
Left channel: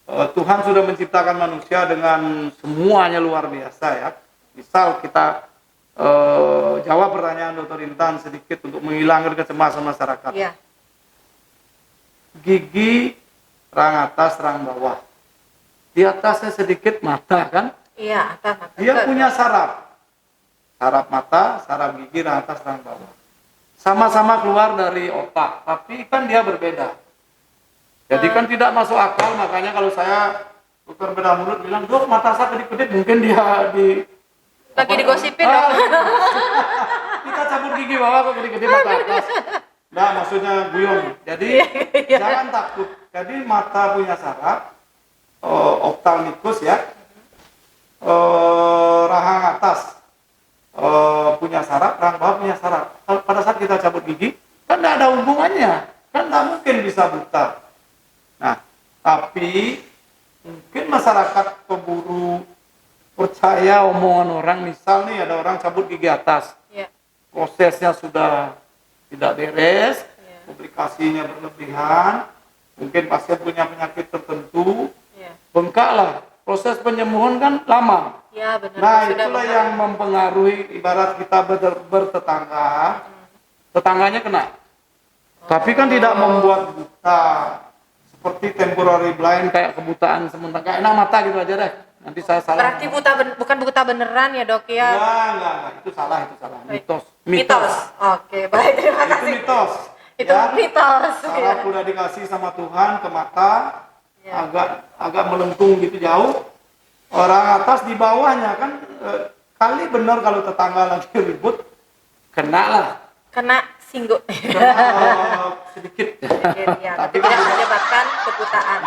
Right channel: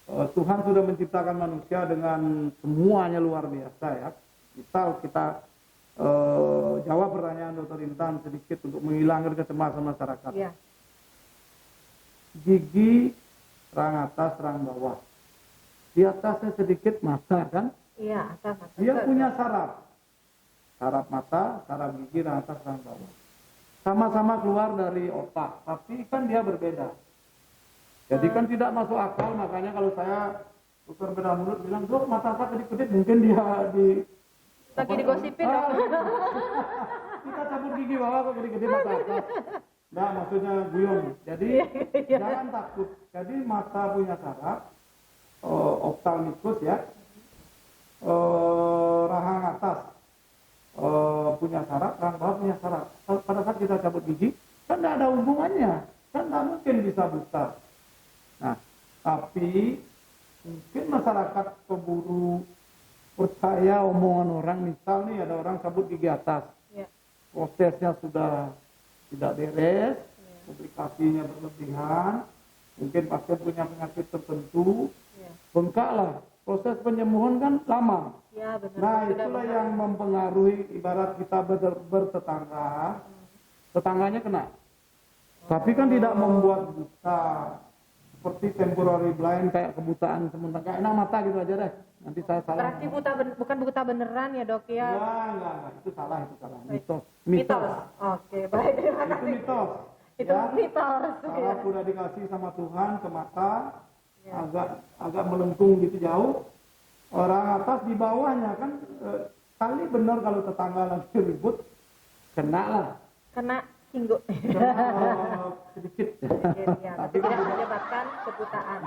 Tuhan sudah menciptakan manusia dengan semuanya luar biasa ya. Misal kita jawab pertanyaan Dr. Intan sedikit untuk menghilangkan kecemasan masyarakat. Iya. Gigi rang atas, rang bawah. Di atasnya sedikit mata kan? Iya, atas. Dia punya saraf. saraf mata, saraf gigi, rahang atas, rahang bawah. Sama-sama keluar dari otak, tapi kan dia berbeda. Jadi kan tidak masuk akal, makanya kalau saya dokter bedah mulut bilang, dok mata saya kedip-kedip, mungkin dia di Lagi digosipin dok. kita cabut gigi bawah kok kedip-kedip mata atas. Nah maksudnya guyong. Jadi jangan takut. Jadi mata punya saraf, ophthalmicus ya, rahang atas punya saraf, rahang bawah punya saraf. Pada saat kita cabut gigi, kan tidak ada hubungannya, kan tidak mungkin bisa buta. Nah, tapi mungkin masyarakat keburu percaya omongan orang. Misal nih ada orang cabut gigi atas, Ya. prosesnya sudah tidak beres, Ya. komplikasinya berlebihan, mungkin pasien punya penyakit tertentu, Ya. bengkak lah. Proses penyembuhan kan lama. Ya benar. Nah Sudah itulah benar. yang mempengaruhi. Ibarat kita bertetangga, tetangganya kena, tapi kan tidak membuat buta. Seperti temporary blind, kayak kebutaan sementara, kayak enak mata gitu aja deh. Nanti saya salah. Berarti bukan buta beneran ya dok ya? Enggak. Itu salah. Baik. Mitos. Oke, baik, terima Itu kasih. mitos. Itu mitos. Saraf udah dikasih sama Tuhan ke mata, Ya. agak melengkung gitu jauh. Orang atas di bawahnya kan kali benar kalau tetangga lagi ribut, kena lah. Kena singgung. Kena sedikit. Ya, tapi tidak menyebabkan kebutaan.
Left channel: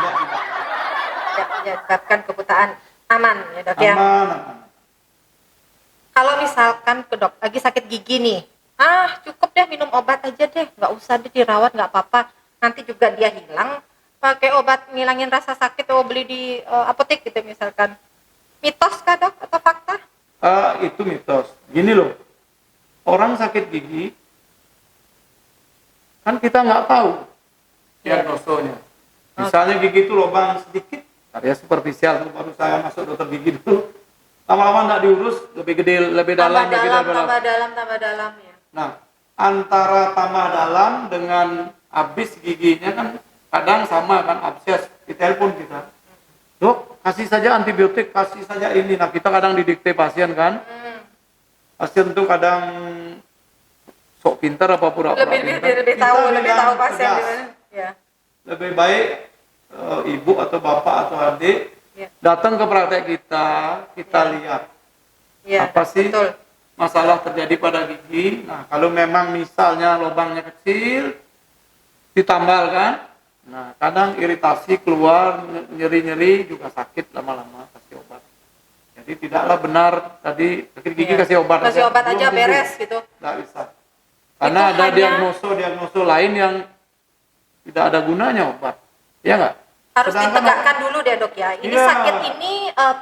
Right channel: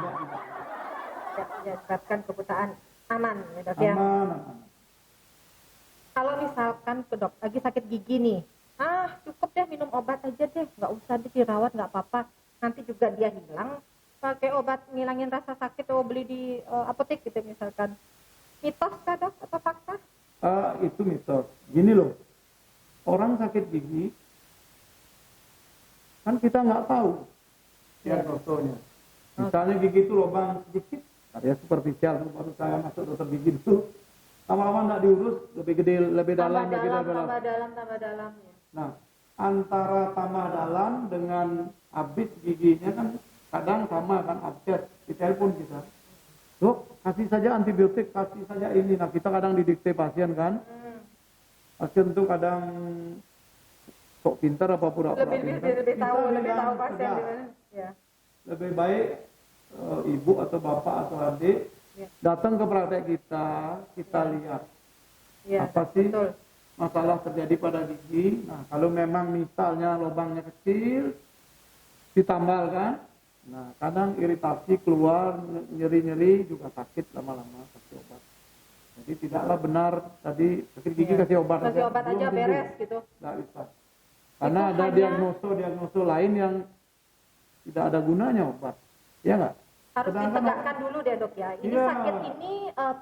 Tidak menyebabkan kebutaan. Aman ya dok ya. Aman. Kalau misalkan ke dok lagi sakit gigi nih, cukup deh minum obat aja deh, nggak usah deh dirawat, nggak apa-apa. Nanti juga dia hilang. Pakai obat ngilangin rasa sakit, beli di apotek gitu misalkan. Mitos kah dok atau fakta? Itu mitos. Gini loh, orang sakit gigi kan kita nggak tahu diagnosonya. Misalnya gigi itu lubang sedikit, karya superficial, baru saya masuk dokter gigi dulu. Lama-lama nggak diurus, lebih gede, lebih dalam, tambah dalam ya. Nah, antara tambah dalam dengan habis giginya kan kadang sama kan, abses. Ditelepon kita, dok kasih saja antibiotik, kasih saja ini. Nah kita kadang didikte pasien kan, pasien tuh kadang sok pintar apa pura-pura pintar. Lebih tahu pasien tegas. gimana. Ya. Lebih baik ibu atau bapak atau adik Ya. datang ke praktek kita lihat Ya, apa sih betul. masalah terjadi pada gigi. Nah kalau memang misalnya lubangnya kecil ditambal kan, nah kadang iritasi keluar, nyeri-nyeri juga sakit, lama-lama kasih obat. Jadi tidaklah benar tadi sakit gigi Iya. kasih obat Kasih obat belum aja tentu. beres gitu. Nggak bisa, karena Itu ada hanya- diagnoso lain yang tidak ada gunanya obat, ya nggak? Harus Sedangkan- ditegakkan dulu deh dok ya. Ini Iya. sakit ini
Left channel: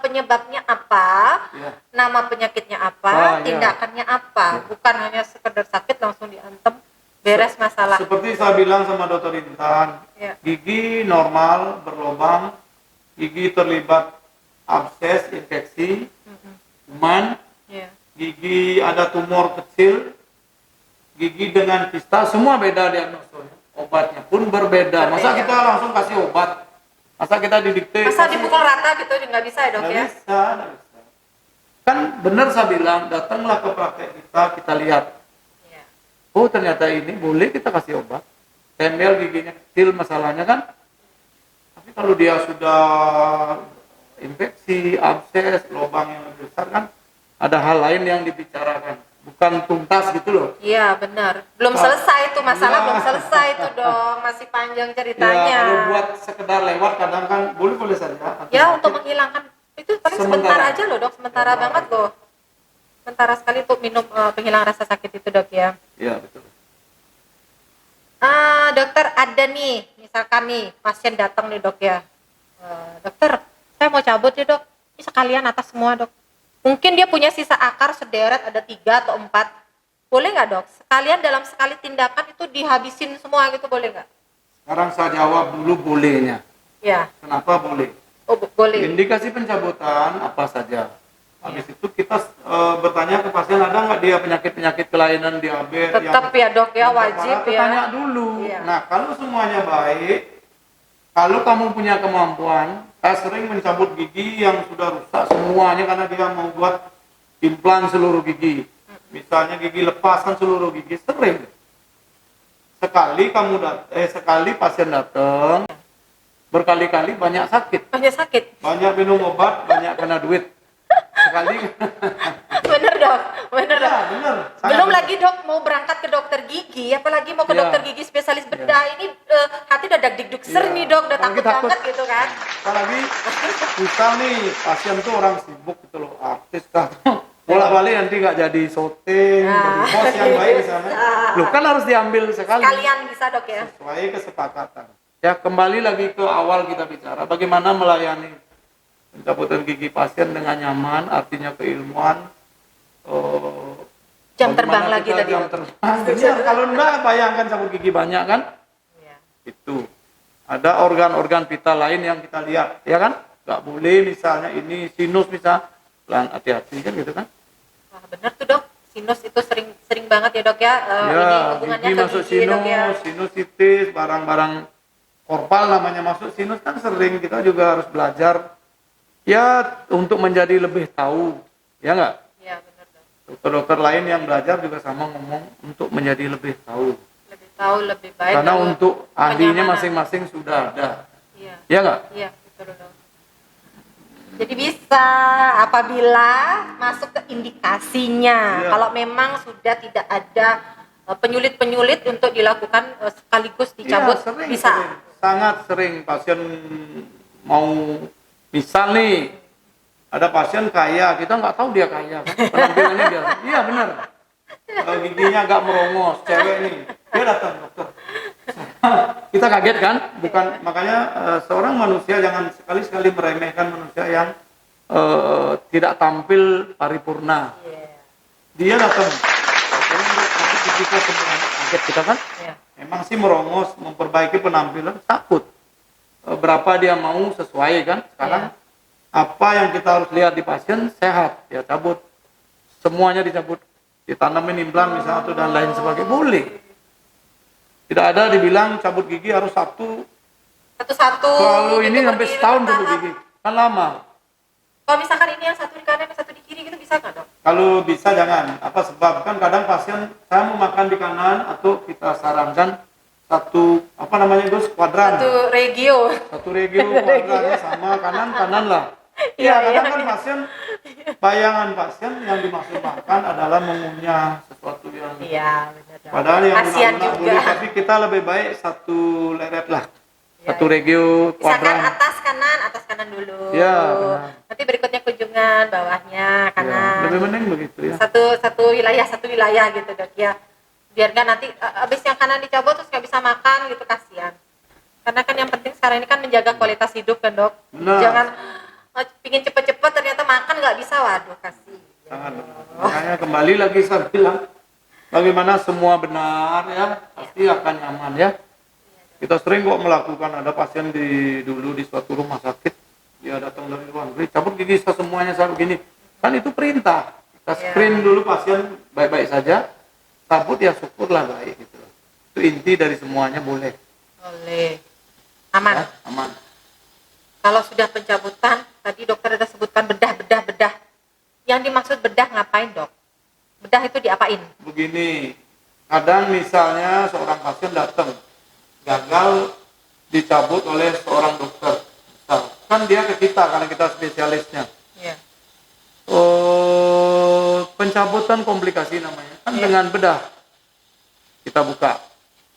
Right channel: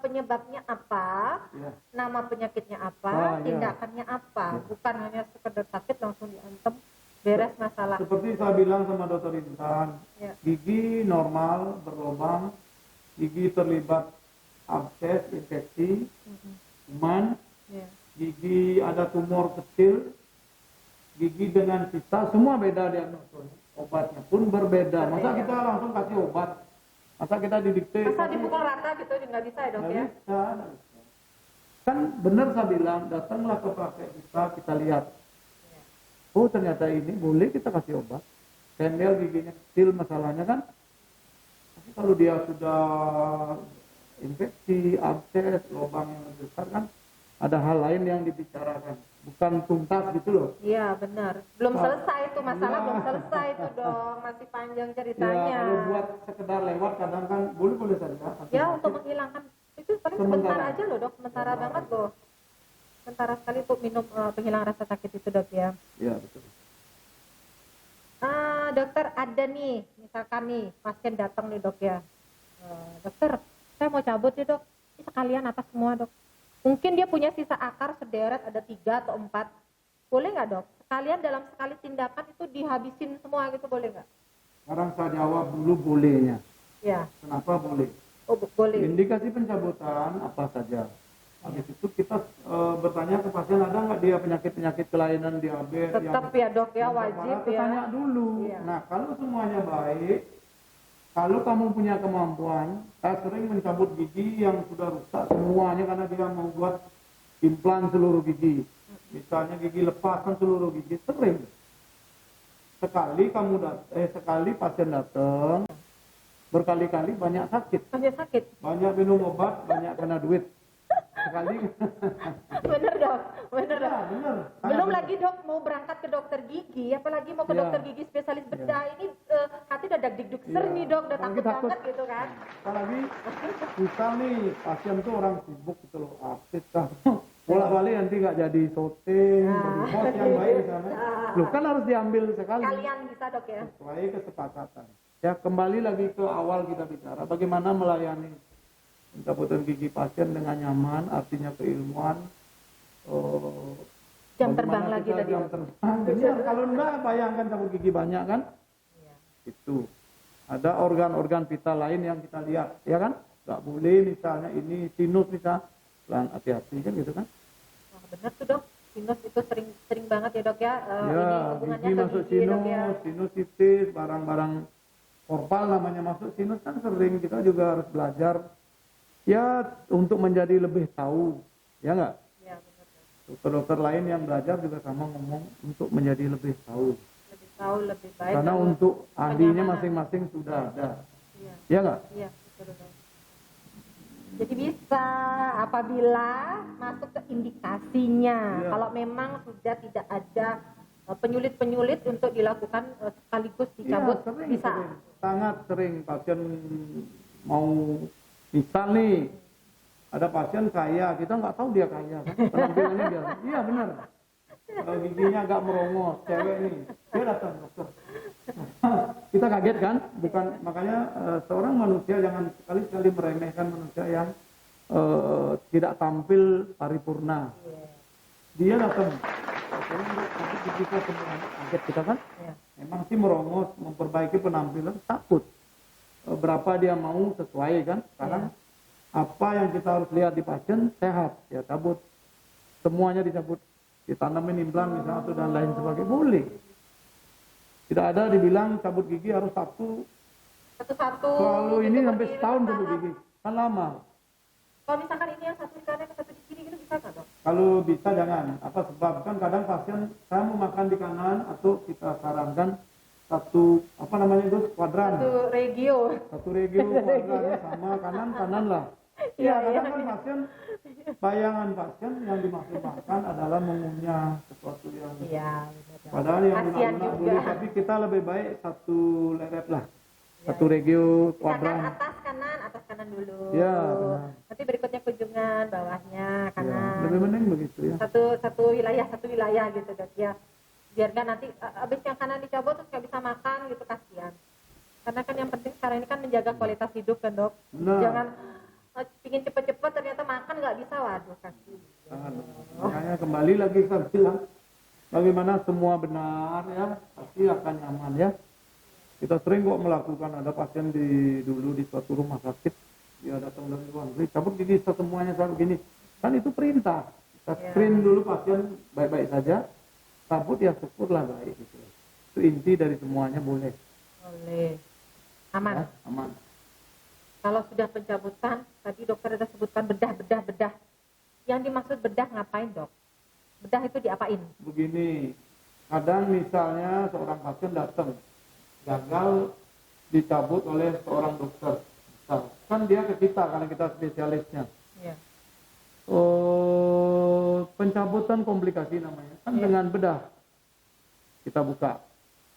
penyebabnya apa? Iya. Nama penyakitnya apa? Iya. Tindakannya apa? Iya. Bukan hanya sekedar sakit langsung diantem, beres masalah. Seperti saya bilang sama dokter Intan, Ya. gigi normal berlubang, gigi terlibat abses, infeksi, kuman, Ya. gigi ada tumor kecil, gigi dengan kista, semua beda diagnosanya. Obatnya pun berbeda. Masa Berbeda. kita langsung kasih obat? Masa kita didikte? Masa kasih- dipukul rata gitu nggak bisa ya dok Nggak ya? bisa, nggak bisa. Kan benar saya bilang, datanglah ke praktek kita lihat. Ya. Oh ternyata ini boleh kita kasih obat. Tempel giginya kecil masalahnya kan. Tapi kalau dia sudah infeksi, abses, lubang yang lebih besar kan, ada hal lain yang dibicarakan. Bukan tuntas gitu loh. Iya benar. Belum Pak. selesai itu masalah, Iya. belum selesai itu dong, masih panjang Ya ceritanya. kalau buat sekedar lewat kadang kan boleh saja. Ya untuk menghilangkan itu paling sebentar Sementara. aja loh dok, sementara Sementara. banget loh. Sementara sekali untuk minum penghilang rasa sakit itu dok ya. Iya betul. Dokter ada nih, misalkan nih pasien datang nih dok ya. Dokter, saya mau cabut ya dok. Ini sekalian atas semua dok. Mungkin dia punya sisa akar sederet ada 3 atau 4. Boleh nggak dok? Sekalian dalam sekali tindakan itu dihabisin semua gitu boleh nggak? Sekarang saya jawab dulu bolehnya. Ya, Kenapa boleh? boleh. Indikasi pencabutan apa saja. Habis itu kita bertanya ke pasien ada nggak dia penyakit-penyakit kelainan diabetes. Tetap ya dok ya, yang wajib berparah, ya. Tanya dulu. Iya. Nah kalau semuanya baik, kalau kamu punya kemampuan, saya sering mencabut gigi yang sudah rusak semuanya karena dia mau buat implan seluruh gigi. misalnya gigi lepaskan seluruh gigi, sering. Sekali pasien datang, berkali-kali banyak sakit, Banyak sakit. banyak minum obat, banyak kena duit. Sekali. Bener dok, bener dok. Ya, bener. Sangat Belum bener. lagi dok mau berangkat ke dokter gigi, apalagi mau ke Ya. dokter gigi spesialis bedah ini hati udah dag-dig ser Ya. nih dok, udah Apalagi takut takut. banget gitu kan. Apalagi misal nih pasien tuh orang sibuk gitu loh, artis kan. Bolak-balik nanti nggak jadi syuting, jadi bos yang baik di sana. Loh kan harus diambil sekali. Sekalian bisa dok ya. Sesuai kesepakatan. Ya kembali lagi ke awal kita bicara, bagaimana melayani pencabutan gigi pasien dengan nyaman, artinya keilmuan. Jam terbang Bagaimana lagi kita tadi jam dok. terbang. Benar, kalau enggak bayangkan cabut gigi banyak kan? Iya. Itu. Ada organ-organ vital lain yang kita lihat, ya kan? Nggak boleh misalnya ini sinus misal, pelan hati-hati kan gitu kan? Wah bener tuh dok, sinus itu sering banget ya dok ya. Ini Ya, hubungannya gigi ke masuk gigi dok ya. sinusitis, barang-barang korpal namanya masuk sinus kan sering, kita juga harus belajar ya untuk menjadi lebih tahu, ya nggak? Iya bener dok. Dokter-dokter lain yang belajar juga sama ngomong untuk menjadi lebih tahu. Lebih tahu lebih baik. Karena dok. untuk ahlinya Kenyamanan. masing-masing sudah ada, Iya. ya nggak? Iya, betul dok. Jadi bisa apabila masuk ke indikasinya. Iya. Kalau memang sudah tidak ada penyulit-penyulit untuk dilakukan sekaligus dicabut, Iya, sering, bisa. sering. Sangat sering pasien mau, misal nih ada pasien kaya, kita nggak tahu dia kaya kan, penampilannya dia, iya benar. Giginya agak merongos, cewek nih, dia datang dokter. Kita kaget kan, bukan makanya seorang manusia jangan sekali-sekali meremehkan manusia yang tidak tampil paripurna. Iya. Dia datang, sakit gigi saya semua, kaget kita kan. Iya. Memang sih merongos, memperbaiki penampilan, takut. Berapa dia mau sesuai kan? Sekarang apa yang kita harus lihat di pasien sehat, ya cabut. Semuanya dicabut, ditanamin implan misalnya atau dan lain sebagainya, boleh. Tidak ada dibilang cabut gigi harus satu, Satu-satu. selalu ini gitu, sampai berdiri, setahun cabut bertahap. gigi, kan lama. Kalau misalkan ini yang satu di kanan, yang satu di kiri gitu bisa nggak dok? Kalau bisa jangan, apa sebab kan kadang pasien saya mau makan di kanan atau kita sarankan satu apa namanya Gus, kuadran. Satu regio. Satu regio kuadrannya sama kanan lah. Iya, kadang kan pasien, bayangan pasien yang dimaksud makan adalah mengunyah sesuatu yang Iya benar dok. padahal yang Kasihan lunak-lunak juga. boleh, tapi kita lebih baik satu leret lah, Ya, satu regio misalkan kuadran. atas kanan dulu. Ya, benar. Nanti berikutnya kunjungan, bawahnya Ya, kanan. lebih mending begitu ya. Satu wilayah gitu dok ya. Biar nggak nanti abis yang kanan dicabut terus nggak bisa makan gitu, kasihan. Karena kan yang penting sekarang ini kan menjaga kualitas hidup kan dok. Benar. Jangan pingin cepet-cepet ternyata makan nggak bisa, waduh kasihan. Sangat benar. Makanya kembali lagi saya bilang, bagaimana semua benar ya, pasti akan nyaman ya. Kita sering kok melakukan, ada pasien dulu di suatu rumah sakit, dia datang dari luar negeri, cabut gigi saya semuanya saya begini. Kan itu perintah. Kita screen dulu pasien baik-baik saja, cabut ya syukurlah baik gitu. Itu inti dari semuanya, boleh. Boleh. Aman. Ya, aman. Kalau sudah pencabutan, tadi dokter sudah sebutkan bedah. Yang dimaksud bedah ngapain dok? Bedah itu diapain? Begini, kadang misalnya seorang pasien datang, gagal dicabut oleh seorang dokter. Nah, kan dia ke kita karena kita spesialisnya. Iya. Pencabutan komplikasi namanya, kan dengan bedah. Kita buka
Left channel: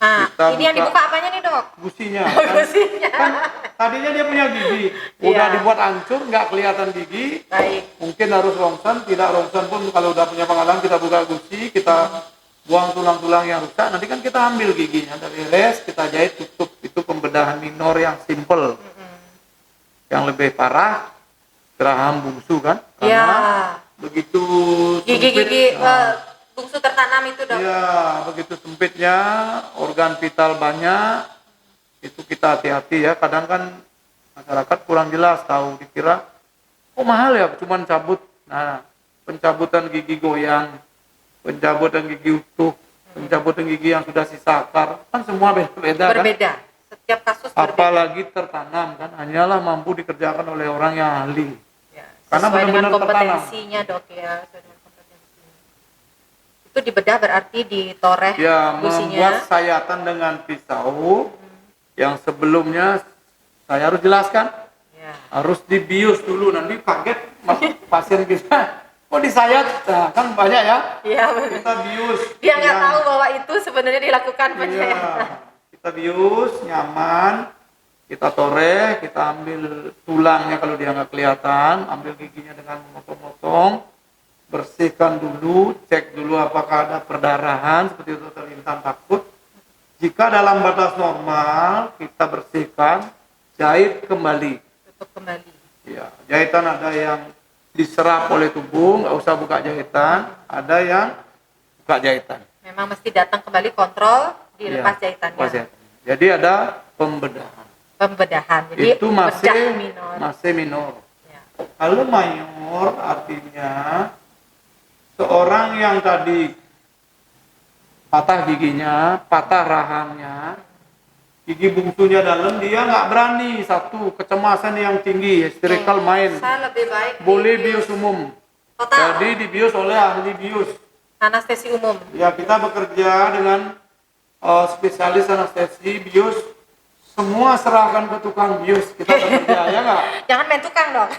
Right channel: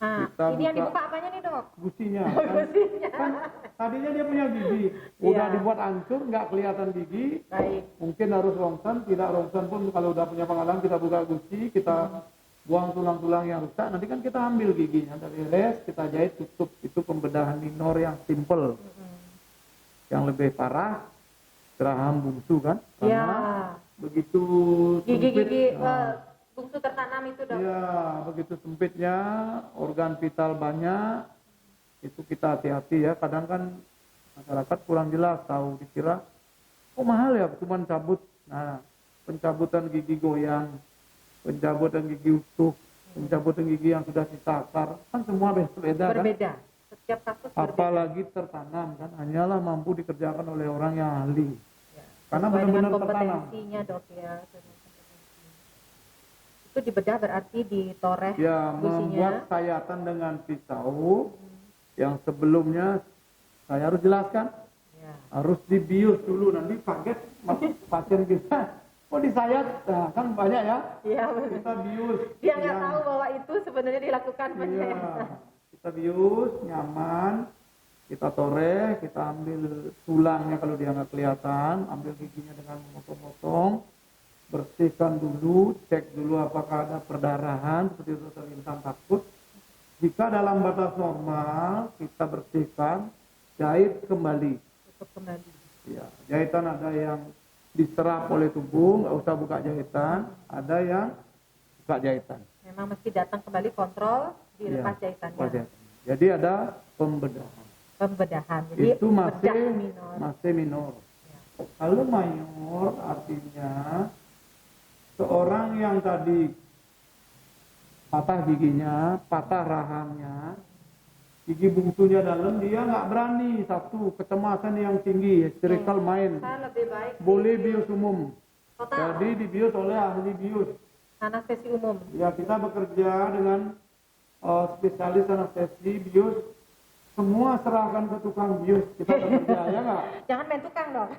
Nah, Kita ini yang buka. dibuka apanya nih dok? gusinya. Gusinya. Kan tadinya dia punya gigi, udah Iya. dibuat hancur, nggak kelihatan gigi. Baik. Mungkin harus rongsen, tidak rongsen pun kalau udah punya pengalaman kita buka gusi, kita buang tulang-tulang yang rusak, nanti kan kita ambil giginya dari res, kita jahit tutup. Itu pembedahan minor yang simple. Yang lebih parah, geraham bungsu kan? Iya. Karena begitu Gigi-gigi sempit, bungsu tertanam itu dok. ya begitu sempitnya, organ vital banyak, itu kita hati-hati ya. Kadang kan masyarakat kurang jelas tahu, dikira oh mahal ya cuman cabut. Nah, pencabutan gigi goyang, pencabutan gigi utuh, pencabutan gigi yang sudah sisa akar, kan semua beda-beda kan. Berbeda. Setiap kasus berbeda. Apalagi tertanam kan, hanyalah mampu dikerjakan oleh orang yang ahli. Ya, Karena sesuai dengan benar-benar tertanam. kompetensinya dok ya. Sesuai dengan kompetensinya. Itu dibedah berarti ditoreh Ya, gusinya. membuat sayatan dengan pisau yang sebelumnya saya harus jelaskan. Ya. Harus dibius dulu, nanti kaget pasien kita. Kok disayat? Nah, kan banyak ya. Iya benar. Kita bius. Dia nggak yang- tahu bahwa itu sebenarnya dilakukan Iya, penyayatan. kita bius, nyaman. Kita toreh, kita ambil tulangnya kalau dia nggak kelihatan, ambil giginya dengan memotong-motong, bersihkan dulu, cek dulu apakah ada perdarahan seperti itu terlintas takut. Jika dalam batas normal, kita bersihkan, jahit kembali. Tutup kembali. Ya, jahitan ada yang diserap oleh tubuh, nggak usah buka jahitan, ada yang buka jahitan. Memang mesti datang kembali kontrol, dilepas Ya, jahitannya. lepas jahitan. Jadi ada pembedahan. Pembedahan. Jadi Itu masih bedah minor. masih minor. Ya. Kalau mayor artinya seorang yang tadi patah giginya, patah rahangnya, gigi bungsunya dalam, dia nggak berani, satu kecemasan yang tinggi, histerikal main, Saya lebih baik boleh dibius bius umum. total. Jadi dibius oleh ahli bius. Anestesi umum. Ya, kita bekerja dengan spesialis anestesi bius. Semua serahkan ke tukang bius, kita bekerja, ya nggak? Jangan main tukang dong.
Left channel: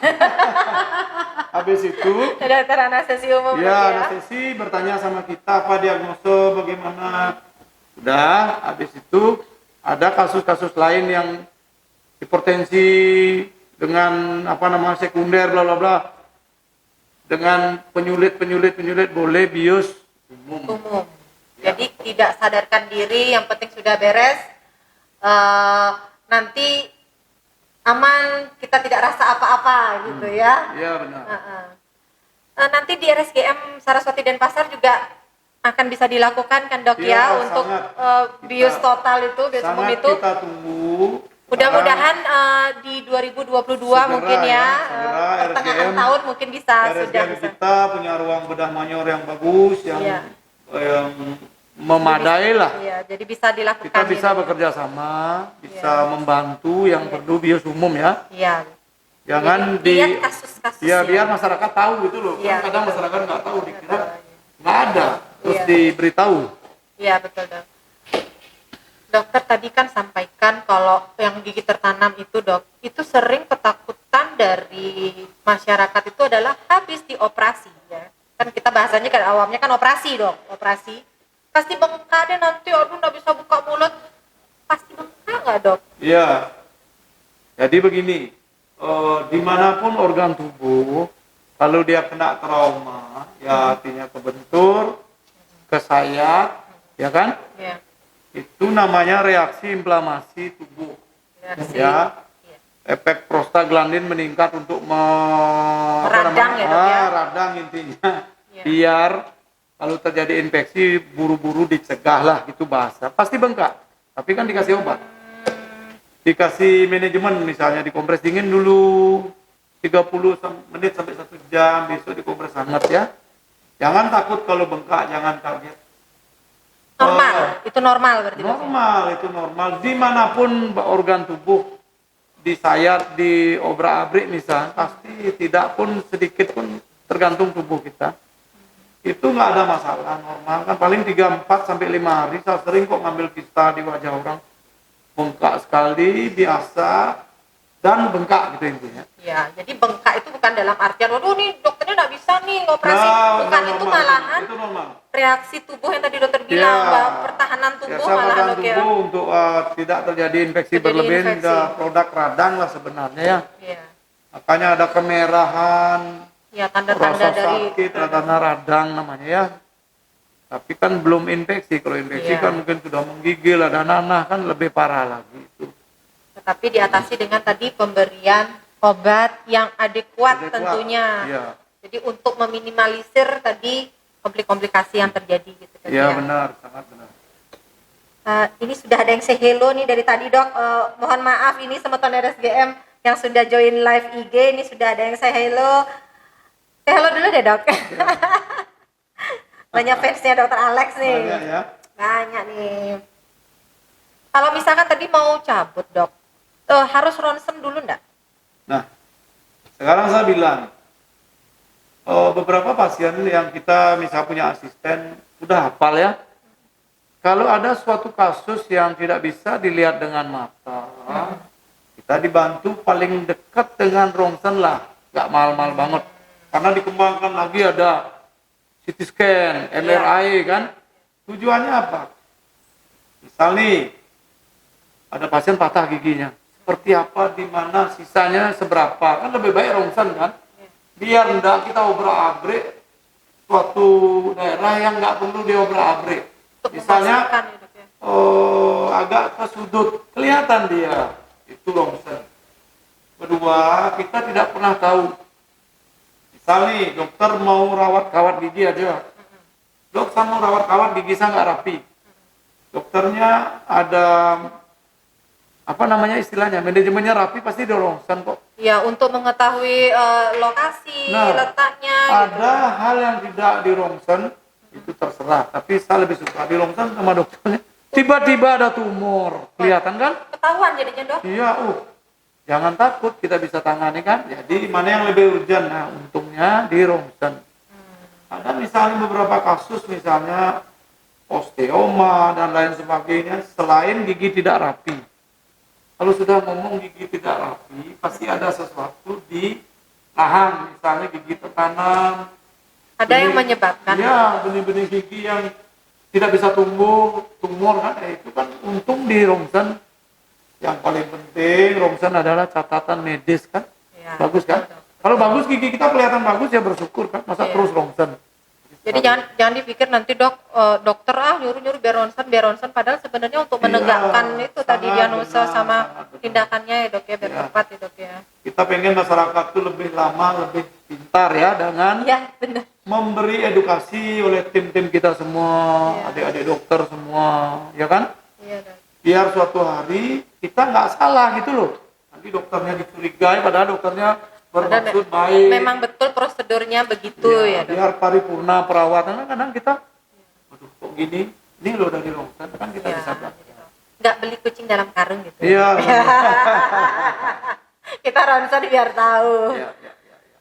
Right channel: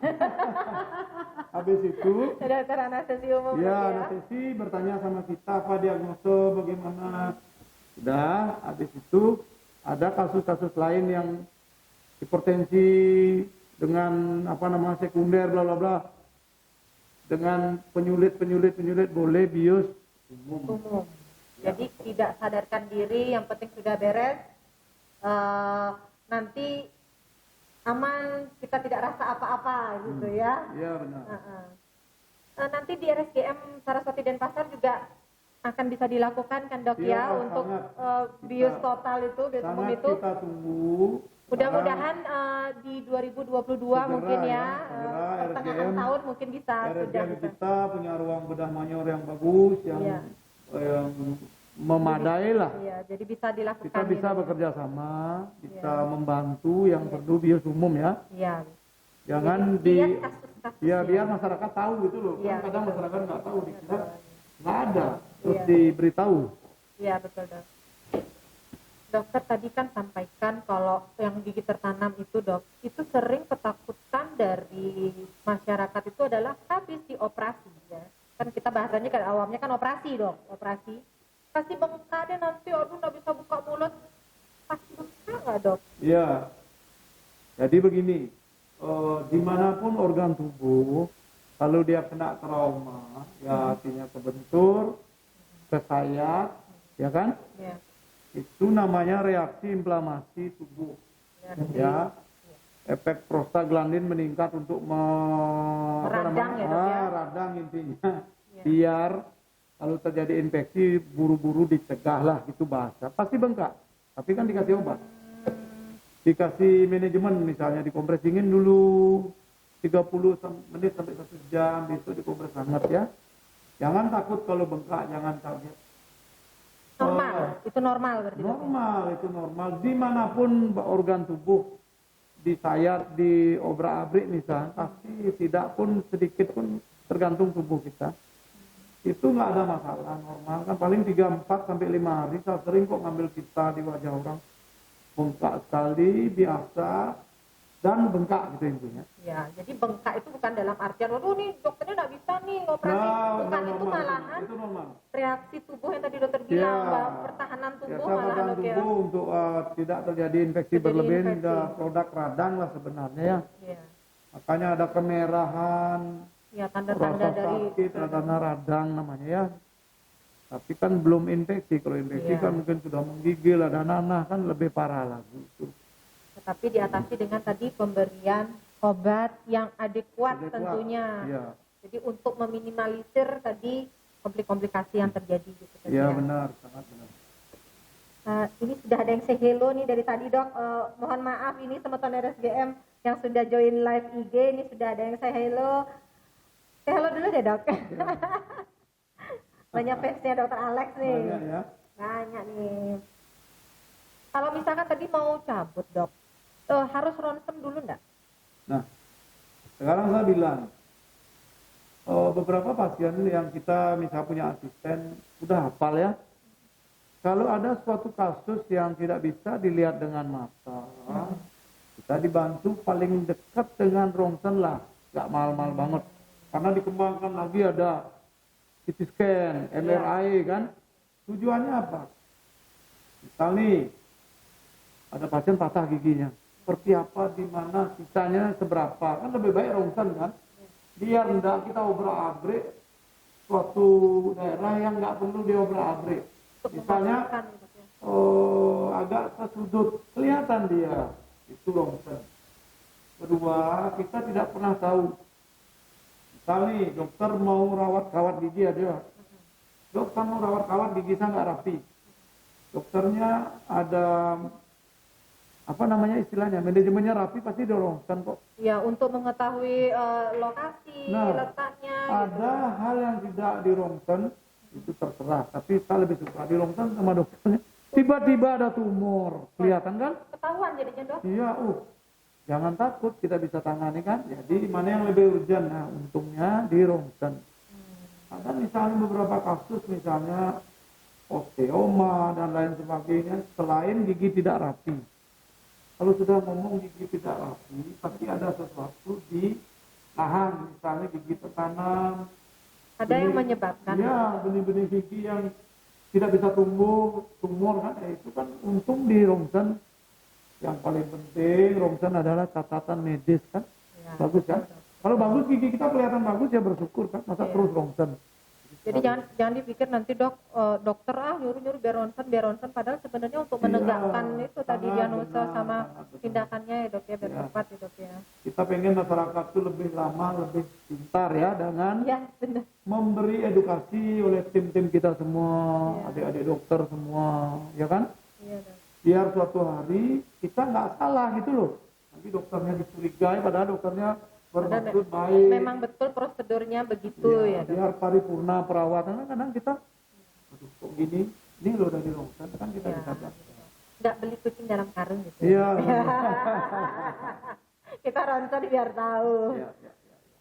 Habis itu, Dokter anestesi umum ya lagi anestesi bertanya sama kita apa diagnosa, bagaimana. Sudah, habis itu ada kasus-kasus lain yang hipertensi dengan sekunder bla bla bla. Dengan penyulit boleh bius umum. umum. Ya. Jadi tidak sadarkan diri, yang penting sudah beres. Nanti aman, kita tidak rasa apa-apa gitu ya. Iya benar. Nanti di RSGM Saraswati Denpasar juga akan bisa dilakukan kan dok Iya, ya untuk sangat. bius Kita- total itu, bius umum Sangat itu. kita tunggu. Mudah-mudahan di 2022 Segera mungkin ya, ya, segera pertengahan RSGM tahun mungkin bisa sudah RSGM bisa. kita punya ruang bedah mayor yang bagus, yang Iya. memadai lah. Iya, jadi bisa dilakukan. Kita bisa ini. bekerja sama, bisa Iya. membantu yang perlu bius umum ya. Iya. Jangan Jadi, lihat kasus-kasus. ya biar masyarakat tahu gitu loh. Iya, Kan kadang betul. masyarakat nggak tahu, dikira Betul. nggak ada, terus Iya. diberitahu. Iya betul dok. Dokter tadi kan sampaikan kalau yang gigi tertanam itu dok, itu sering ketakutan dari masyarakat itu adalah habis dioperasi ya. Kan kita bahasanya kan awamnya kan operasi dok, operasi. Pasti bengkak deh nanti, aduh nggak bisa buka mulut. Pasti bengkak nggak dok? Iya. Jadi begini, dimanapun organ tubuh, kalau dia kena trauma, ya artinya kebentur, kesayat, ya kan? Iya. Itu namanya reaksi inflamasi tubuh. Reaksi. Ya. Iya. Efek prostaglandin meningkat untuk Radang ya, Dok, ya? radang intinya. Iya. Biar kalau terjadi infeksi buru-buru dicegah lah, gitu bahasa. Pasti bengkak. Tapi kan dikasih obat. Dikasih manajemen, misalnya dikompres dingin dulu 30 menit sampai 1 jam, besok dikompres hangat ya. Jangan takut kalau bengkak, jangan kaget. Normal, itu normal berarti dok. ya? Normal, itu normal. Dimanapun organ tubuh disayat, diobrak-abrik misalnya, pasti tidak pun sedikit pun tergantung tubuh kita. Itu nggak ada masalah, normal kan. Paling 3, 4 sampai 5 hari. Saya sering kok ngambil kista di wajah orang, bengkak sekali, biasa, dan bengkak gitu intinya. Ya, jadi bengkak itu bukan dalam artian, waduh nih dokternya nggak bisa nih ngoperasi. Nah, Bukan, itu normal, malahan itu normal. reaksi tubuh yang tadi dokter bilang, Ya. bahwa pertahanan tubuh Biasa malahan organ dok ya. tubuh untuk tidak terjadi infeksi Terjadi berlebihan, infeksi. ada produk radang lah sebenarnya ya. Iya. Makanya ada kemerahan, Ya, tanda-tanda rasa dari sakit, tanda radang namanya ya. Tapi kan belum infeksi. Kalau infeksi Iya. kan mungkin sudah menggigil, ada nanah, kan lebih parah lagi itu. tetapi diatasi dengan tadi pemberian obat yang adekuat Adekuat, tentunya. Iya, Jadi untuk meminimalisir tadi komplikasi yang terjadi gitu kan iya ya. benar, sangat benar. Ini sudah ada yang say hello nih dari tadi dok. Mohon maaf ini teman RSGM yang sudah join live IG, ini sudah ada yang say hello. Say hello dulu deh dok. Banyak fansnya dokter Alex nih. Banyak ya. Banyak nih. Kalau misalkan tadi mau cabut dok, harus ronsen dulu enggak? Nah, sekarang saya bilang, beberapa pasien yang kita misal punya asisten udah hafal ya. Kalau ada suatu kasus yang tidak bisa dilihat dengan mata, kita dibantu paling dekat dengan rongsen lah, nggak mahal-mahal banget. Karena dikembangkan lagi ada CT scan, MRI kan. Tujuannya apa? Misal nih, ada pasien patah giginya. Seperti apa, di mana, sisanya seberapa. Kan lebih baik rongsen kan. Biar enggak kita obrak-abrik suatu daerah yang nggak perlu diobrak-abrik. Misalnya agak ke sudut, kelihatan dia, itu rongsen. Kedua, kita tidak pernah tahu. Misal nih, dokter mau rawat kawat gigi aja. Dok, saya mau rawat kawat gigi saya nggak rapi. Dokternya ada apa namanya istilahnya, manajemennya rapi, pasti dia rongsen kok. Ya, untuk mengetahui lokasi, Nah, letaknya. Ada hal yang tidak di rongsen, itu terserah. Tapi saya lebih suka di rongsen sama dokternya. Tiba-tiba ada tumor, kelihatan kan? Ketahuan jadinya dok. Iya, jangan takut, kita bisa tangani kan. Jadi mana yang lebih urgent? Nah, untungnya di rongsen. Ada misalnya beberapa kasus, misalnya osteoma dan lain sebagainya, selain gigi tidak rapi. Kalau sudah ngomong gigi tidak rapi, pasti ada sesuatu di rahang, misalnya gigi tertanam. Ada yang menyebabkan. Iya, benih-benih gigi yang tidak bisa tumbuh, tumor kan, itu kan untung di rongsen. Yang paling penting rongsen adalah catatan medis kan, Ya, bagus kan? betul. Kalau bagus gigi kita kelihatan bagus ya bersyukur kan, masa Iya. terus rongsen. Jadi jangan dipikir nanti dokter nyuruh biar ronsen, padahal sebenarnya untuk Iya, menegakkan itu tadi sangat diagnosa benar, sama sangat benar. tindakannya ya dok ya, biar Iya. tepat ya dok ya. Kita pengen masyarakat tuh lebih lama, lebih pintar ya, dengan Iya benar. memberi edukasi oleh tim-tim kita semua, Iya. adik-adik dokter semua, ya kan? Iya dok. Biar suatu hari kita nggak salah gitu loh. Nanti dokternya dicurigai, padahal dokternya bermaksud baik. Memang betul prosedurnya begitu ya dok. Biar paripurna perawatan, kadang kita, aduh kok gini, ini loh dari rongsen, kan kita Iya. bisa bilang. Nggak beli kucing dalam karung gitu. Iya. Kita ronsen biar tahu. Iya, iya, iya.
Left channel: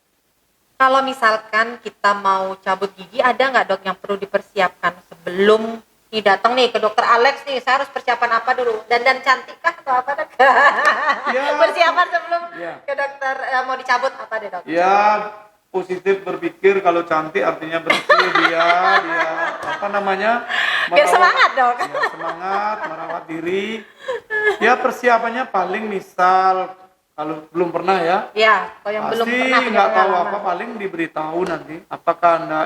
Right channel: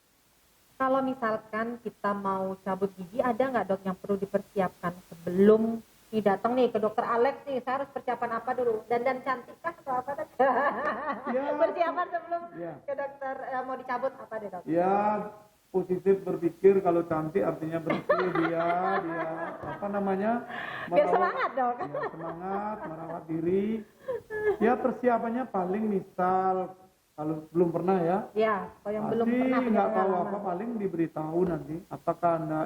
Kalau misalkan kita mau cabut gigi, ada nggak dok yang perlu dipersiapkan sebelum nih datang nih ke dokter Alex nih, saya harus persiapan apa dulu? Dandan cantik kah atau apa dok? Ya. Persiapan sebelum Ya. ke dokter mau dicabut apa deh dok? Ya, positif berpikir, kalau cantik artinya bersih, dia apa namanya, Biar semangat dok. ya, semangat, merawat diri. Ya, persiapannya paling misal kalau belum pernah ya, Ya, kalau yang belum pasti pernah punya nggak tahu pengalaman. apa, paling diberitahu nanti apakah anda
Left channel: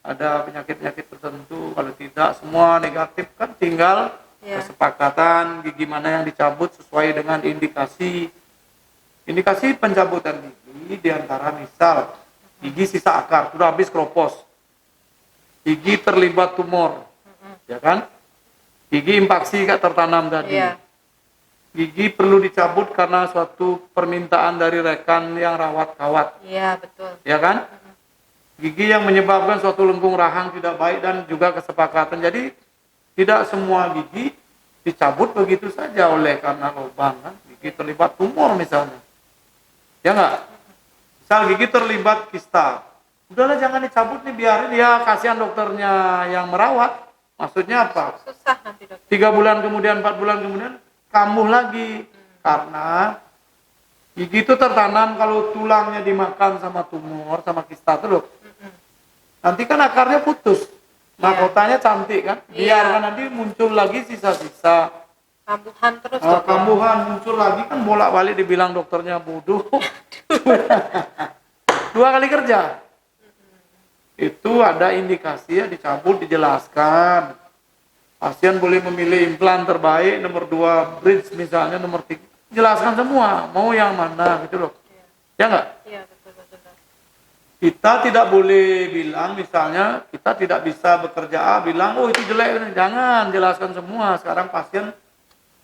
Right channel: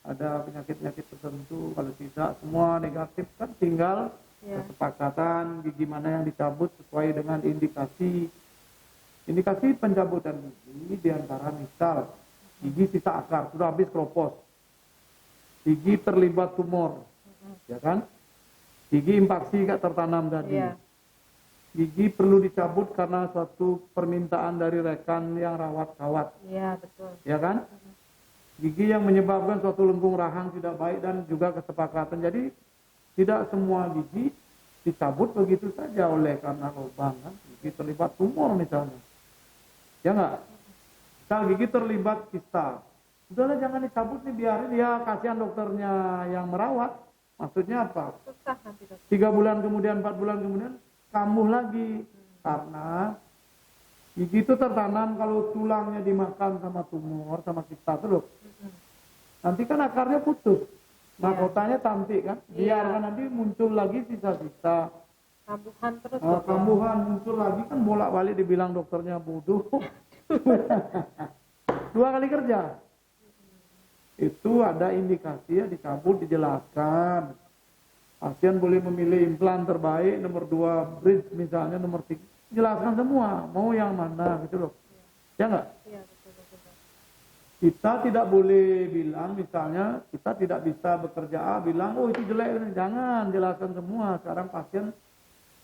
ada penyakit-penyakit tertentu. Kalau tidak, semua negatif kan, tinggal Ya. kesepakatan gigi mana yang dicabut sesuai dengan indikasi pencabutan gigi, diantara misal gigi sisa akar sudah habis keropos, gigi terlibat tumor, ya kan, gigi impaksi gak tertanam tadi, Iya. gigi perlu dicabut karena suatu permintaan dari rekan yang rawat kawat, Iya betul. ya kan, gigi yang menyebabkan suatu lengkung rahang tidak baik, dan juga kesepakatan. Jadi tidak semua gigi dicabut begitu saja oleh karena lubang kan, gigi terlibat tumor misalnya, ya enggak, misal gigi terlibat kista, udahlah jangan dicabut nih, biarin, ya kasihan dokternya yang merawat. Maksudnya apa? Susah nanti dok. 3 bulan kemudian, 4 bulan kemudian kambuh lagi, karena gigi itu tertanam. Kalau tulangnya dimakan sama tumor, sama kista itu loh, nanti kan akarnya putus, mahkotanya cantik kan, Iya. biarkan nanti muncul lagi sisa-sisa. Kambuhan terus dok. Kambuhan muncul lagi kan, bolak-balik dibilang dokternya bodoh. 2 kali kerja. Itu ada indikasi ya, dicabut, dijelaskan. Pasien boleh memilih implan terbaik, nomor 2 bridge misalnya, nomor 3. Jelaskan semua, mau yang mana gitu loh. Ya enggak? Iya betul betul dok. Kita tidak boleh bilang misalnya kita tidak bisa bekerja A, bilang oh itu jelek. Jangan, jelaskan semua. Sekarang pasien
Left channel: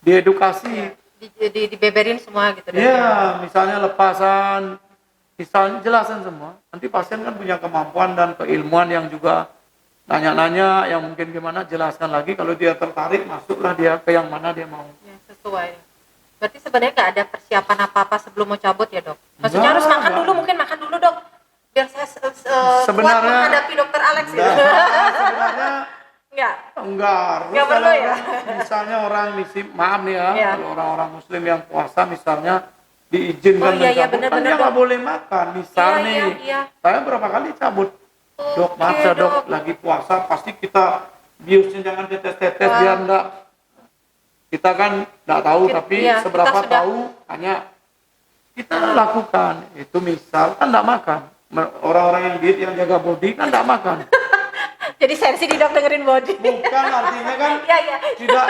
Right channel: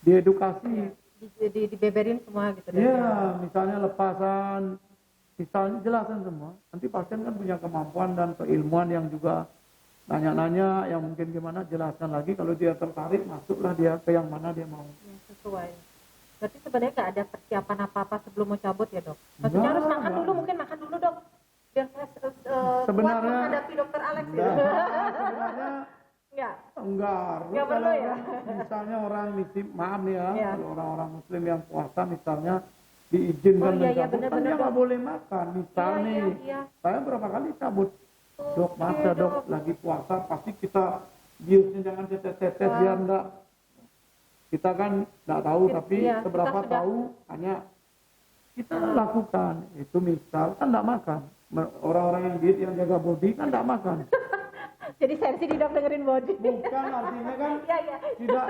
diedukasi. Dibeberin semua gitu dok. Iya, misalnya lepasan, misalnya jelasin semua. Nanti pasien kan punya kemampuan dan keilmuan yang juga nanya-nanya, yang mungkin gimana, jelaskan lagi. Kalau dia tertarik, masuklah dia ke yang mana dia mau. Ya, sesuai. Berarti sebenarnya nggak ada persiapan apa-apa sebelum mau cabut ya dok? Maksudnya Nggak, harus makan nggak. dulu, mungkin makan dulu dok, biar saya kuat Sebenarnya- menghadapi dokter Alex gitu. sebenarnya Enggak harus. Nggak perlu Kalau ya? misalnya orang maaf nih ya, Iya. kalau orang-orang muslim yang puasa misalnya diizinkan Oh, iya, mencabut, kan benar-benar, dia nggak Dok. boleh makan. Misal Iya, nih, iya. saya berapa kali cabut. Dok, Oke, maaf ya dok, Dok. lagi puasa pasti kita biusnya jangan tetes-tetes Wah. biar enggak. Kita kan nggak tahu, tapi Iya, seberapa kita sudah- tahu hanya kita lakukan. Itu misal kan nggak makan. Orang-orang yang diet yang jaga body kan nggak makan. Jadi sensi di dok dengerin body. Bukan, artinya kan Iya. tidak.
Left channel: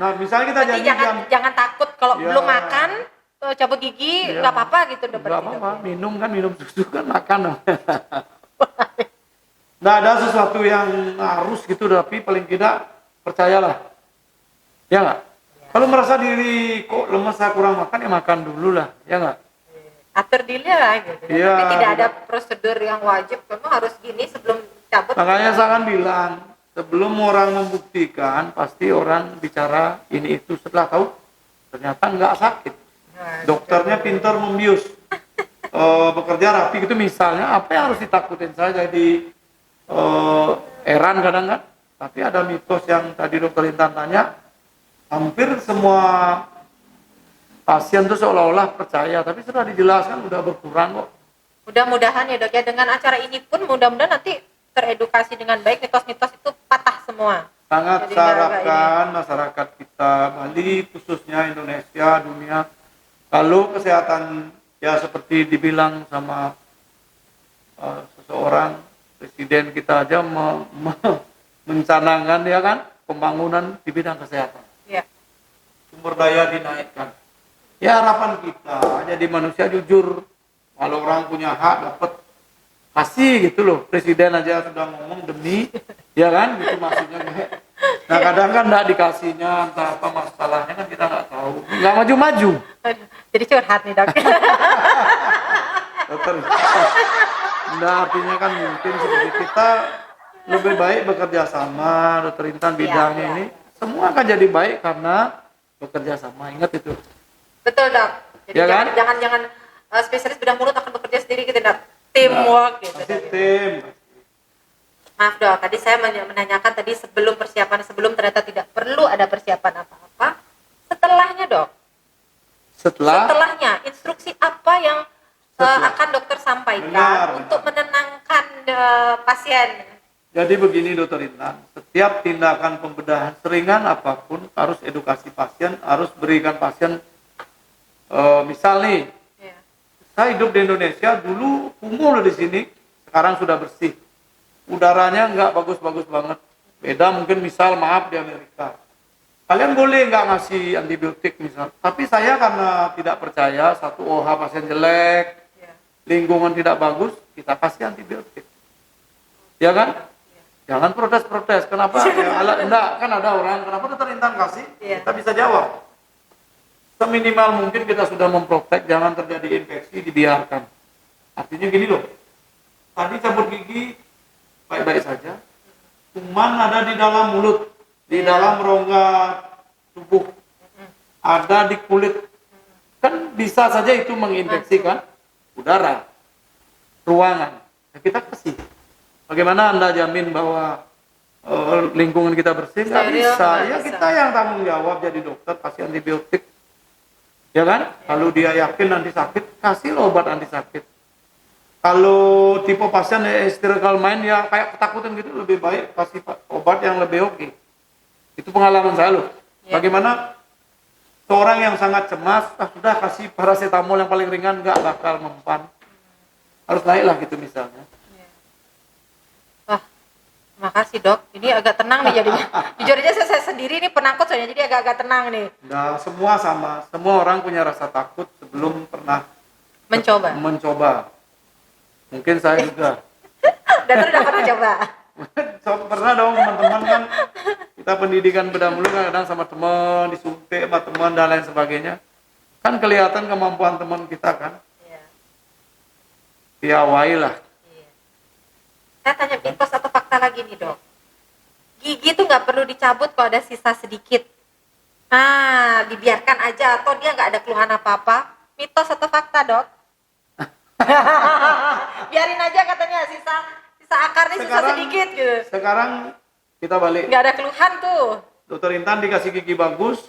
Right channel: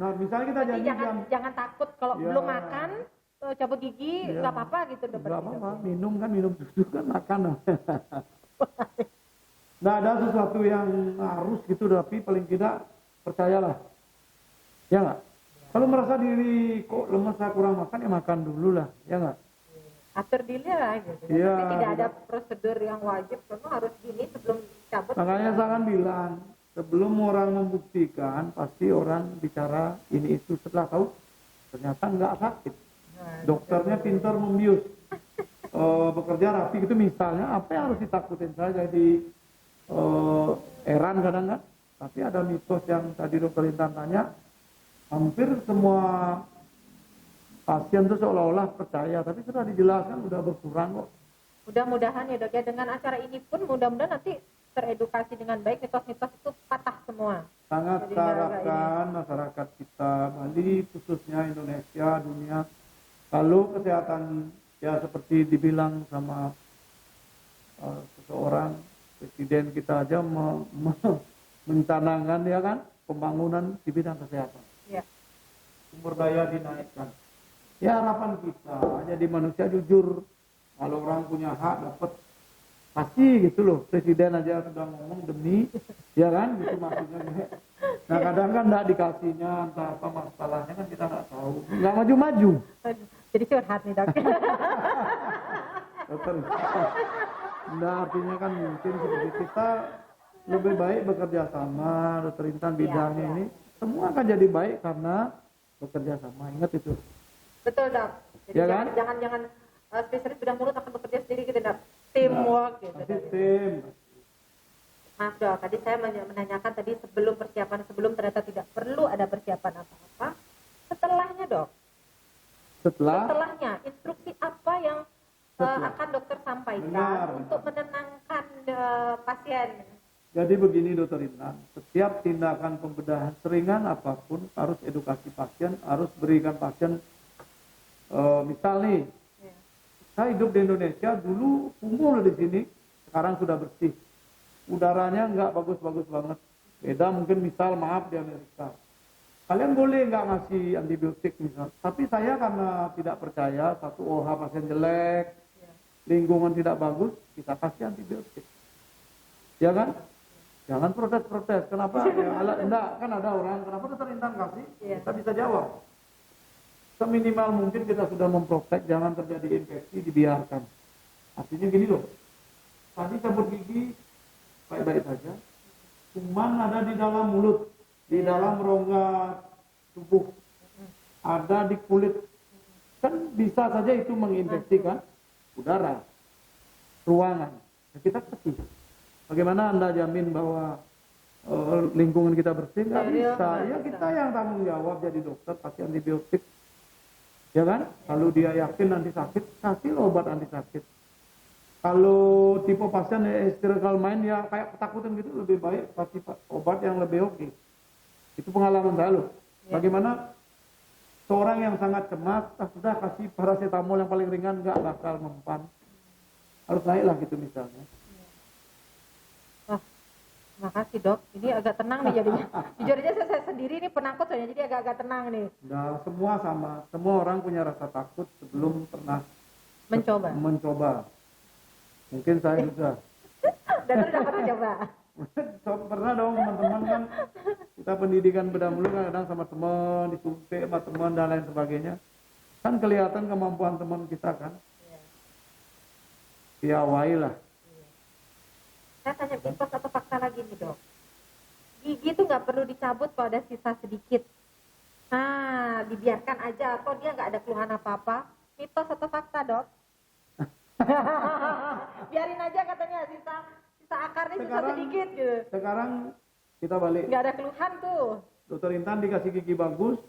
Nah, misalnya kita Berarti janji jangan takut kalau Ya. belum makan cabut gigi Iya. nggak apa-apa gitu dok. nggak berarti, apa-apa, Dok. minum susu kan makan. Nggak ada sesuatu yang harus gitu, tapi paling tidak percayalah. Ya nggak? Kalau merasa diri kok lemes, saya kurang makan, ya makan dulu lah, ya nggak? Atur diri lah gitu. Iya, Tapi tidak ada tidak. prosedur yang wajib. Kamu harus gini sebelum cabut. Makanya saya kan bilang, sebelum orang membuktikan, pasti orang bicara ini itu, setelah tahu ternyata nggak sakit. Nah, Dokternya pintar membius, bekerja rapi gitu misalnya, apa yang harus ditakutin? Saya jadi heran kadang kan, tapi ada mitos yang tadi dokter Intan tanya, hampir semua pasien tuh seolah-olah percaya, tapi setelah dijelaskan udah berkurang kok. Mudah-mudahan ya dok ya, dengan acara ini pun mudah-mudahan nanti teredukasi dengan baik, mitos-mitos itu patah semua. Sangat Jadi saya nggak harapkan masyarakat kita, Bali khususnya Indonesia, dunia, kalau kesehatan ya seperti dibilang sama seseorang presiden kita aja mencanangkan ya kan pembangunan di bidang kesehatan, Iya. sumber daya dinaikkan. Ya harapan kita jadi manusia jujur, kalau orang punya hak dapat kasih gitu loh. Presiden aja sudah ngomong demi, ya kan, gitu maksudnya. Nah kadang kan nggak dikasihnya, entah apa masalahnya kan kita nggak tahu, nggak maju-maju. Aduh, jadi curhat nih dok. Dokter, nah artinya kan mungkin seperti kita lebih baik bekerja sama, dokter Intan bidangnya Iya. ini, semua akan jadi baik karena bekerja sama. Ingat itu. Betul dok. Jadi Ya kan? jangan spesialis bidang mulut akan bekerja sendiri gitu dok. Teamwork gitu. Pasti Dok. tim. Maaf dok, tadi saya menanyakan tadi sebelum ternyata tidak perlu ada persiapan apa-apa. Setelahnya dok, setelahnya instruksi apa yang akan dokter sampaikan Benar. untuk menenangkan pasien? Jadi begini dokter Intan, setiap tindakan pembedahan seringan apapun harus edukasi pasien, harus berikan pasien, misal nih, Ya. saya hidup di Indonesia, dulu kumuh di sini, sekarang sudah bersih. Udaranya nggak bagus-bagus banget. Beda mungkin misal maaf di Amerika. Kalian boleh nggak ngasih antibiotik misal. Tapi saya karena tidak percaya, satu OH pasien jelek, Ya. lingkungan tidak bagus, kita kasih antibiotik. Ya kan? Jangan protes-protes. Kenapa? Ya, enggak, kan ada orang, kenapa dokter Intan kasih? Iya. Kita bisa jawab. Seminimal mungkin kita sudah memprotek, jangan terjadi infeksi, dibiarkan. Artinya gini loh, tadi cabut gigi baik-baik saja, kuman ada di dalam mulut, di dalam rongga tubuh, ada di kulit, kan bisa saja itu menginfeksikan udara, ruangan. Ya, kita kasih. Bagaimana Anda jamin bahwa lingkungan kita bersih? Nggak Steril, bisa. nggak Ya bisa. kita yang tanggung jawab jadi dokter, kasih antibiotik. Ya kan? Kalau dia yakin nanti sakit, kasih obat anti sakit. Kalau tipe pasien hysterical mind ya kayak ketakutan gitu, lebih baik kasih obat yang lebih oke. Itu pengalaman saya loh. Ya. Bagaimana seorang yang sangat cemas, sudah kasih paracetamol yang paling ringan, nggak bakal mempan. Harus naiklah gitu misalnya. Wah, makasih dok. Ini agak tenang nih jadinya. Jujur aja saya sendiri nih penakut soalnya, jadi agak-agak tenang nih. Nah, semua sama. Semua orang punya rasa takut sebelum pernah Mencoba. Mungkin saya juga. Dan udah pernah coba. Pernah dong teman-teman kan, kita pendidikan bedah mulut kan kadang sama teman, disuntik sama teman dan lain sebagainya. Kan kelihatan kemampuan teman kita kan. Iya. Piawai lah. Iya. Saya tanya mitos atau fakta lagi nih dok. Gigi tuh nggak perlu dicabut kalau ada sisa sedikit. Nah, dibiarkan aja atau dia nggak ada keluhan apa-apa. Mitos atau fakta dok? Biarin aja katanya sisa akarnya susah Sekarang- sedikit gitu. Sekarang kita balik. Nggak ada keluhan tuh. Dokter Intan dikasih gigi bagus,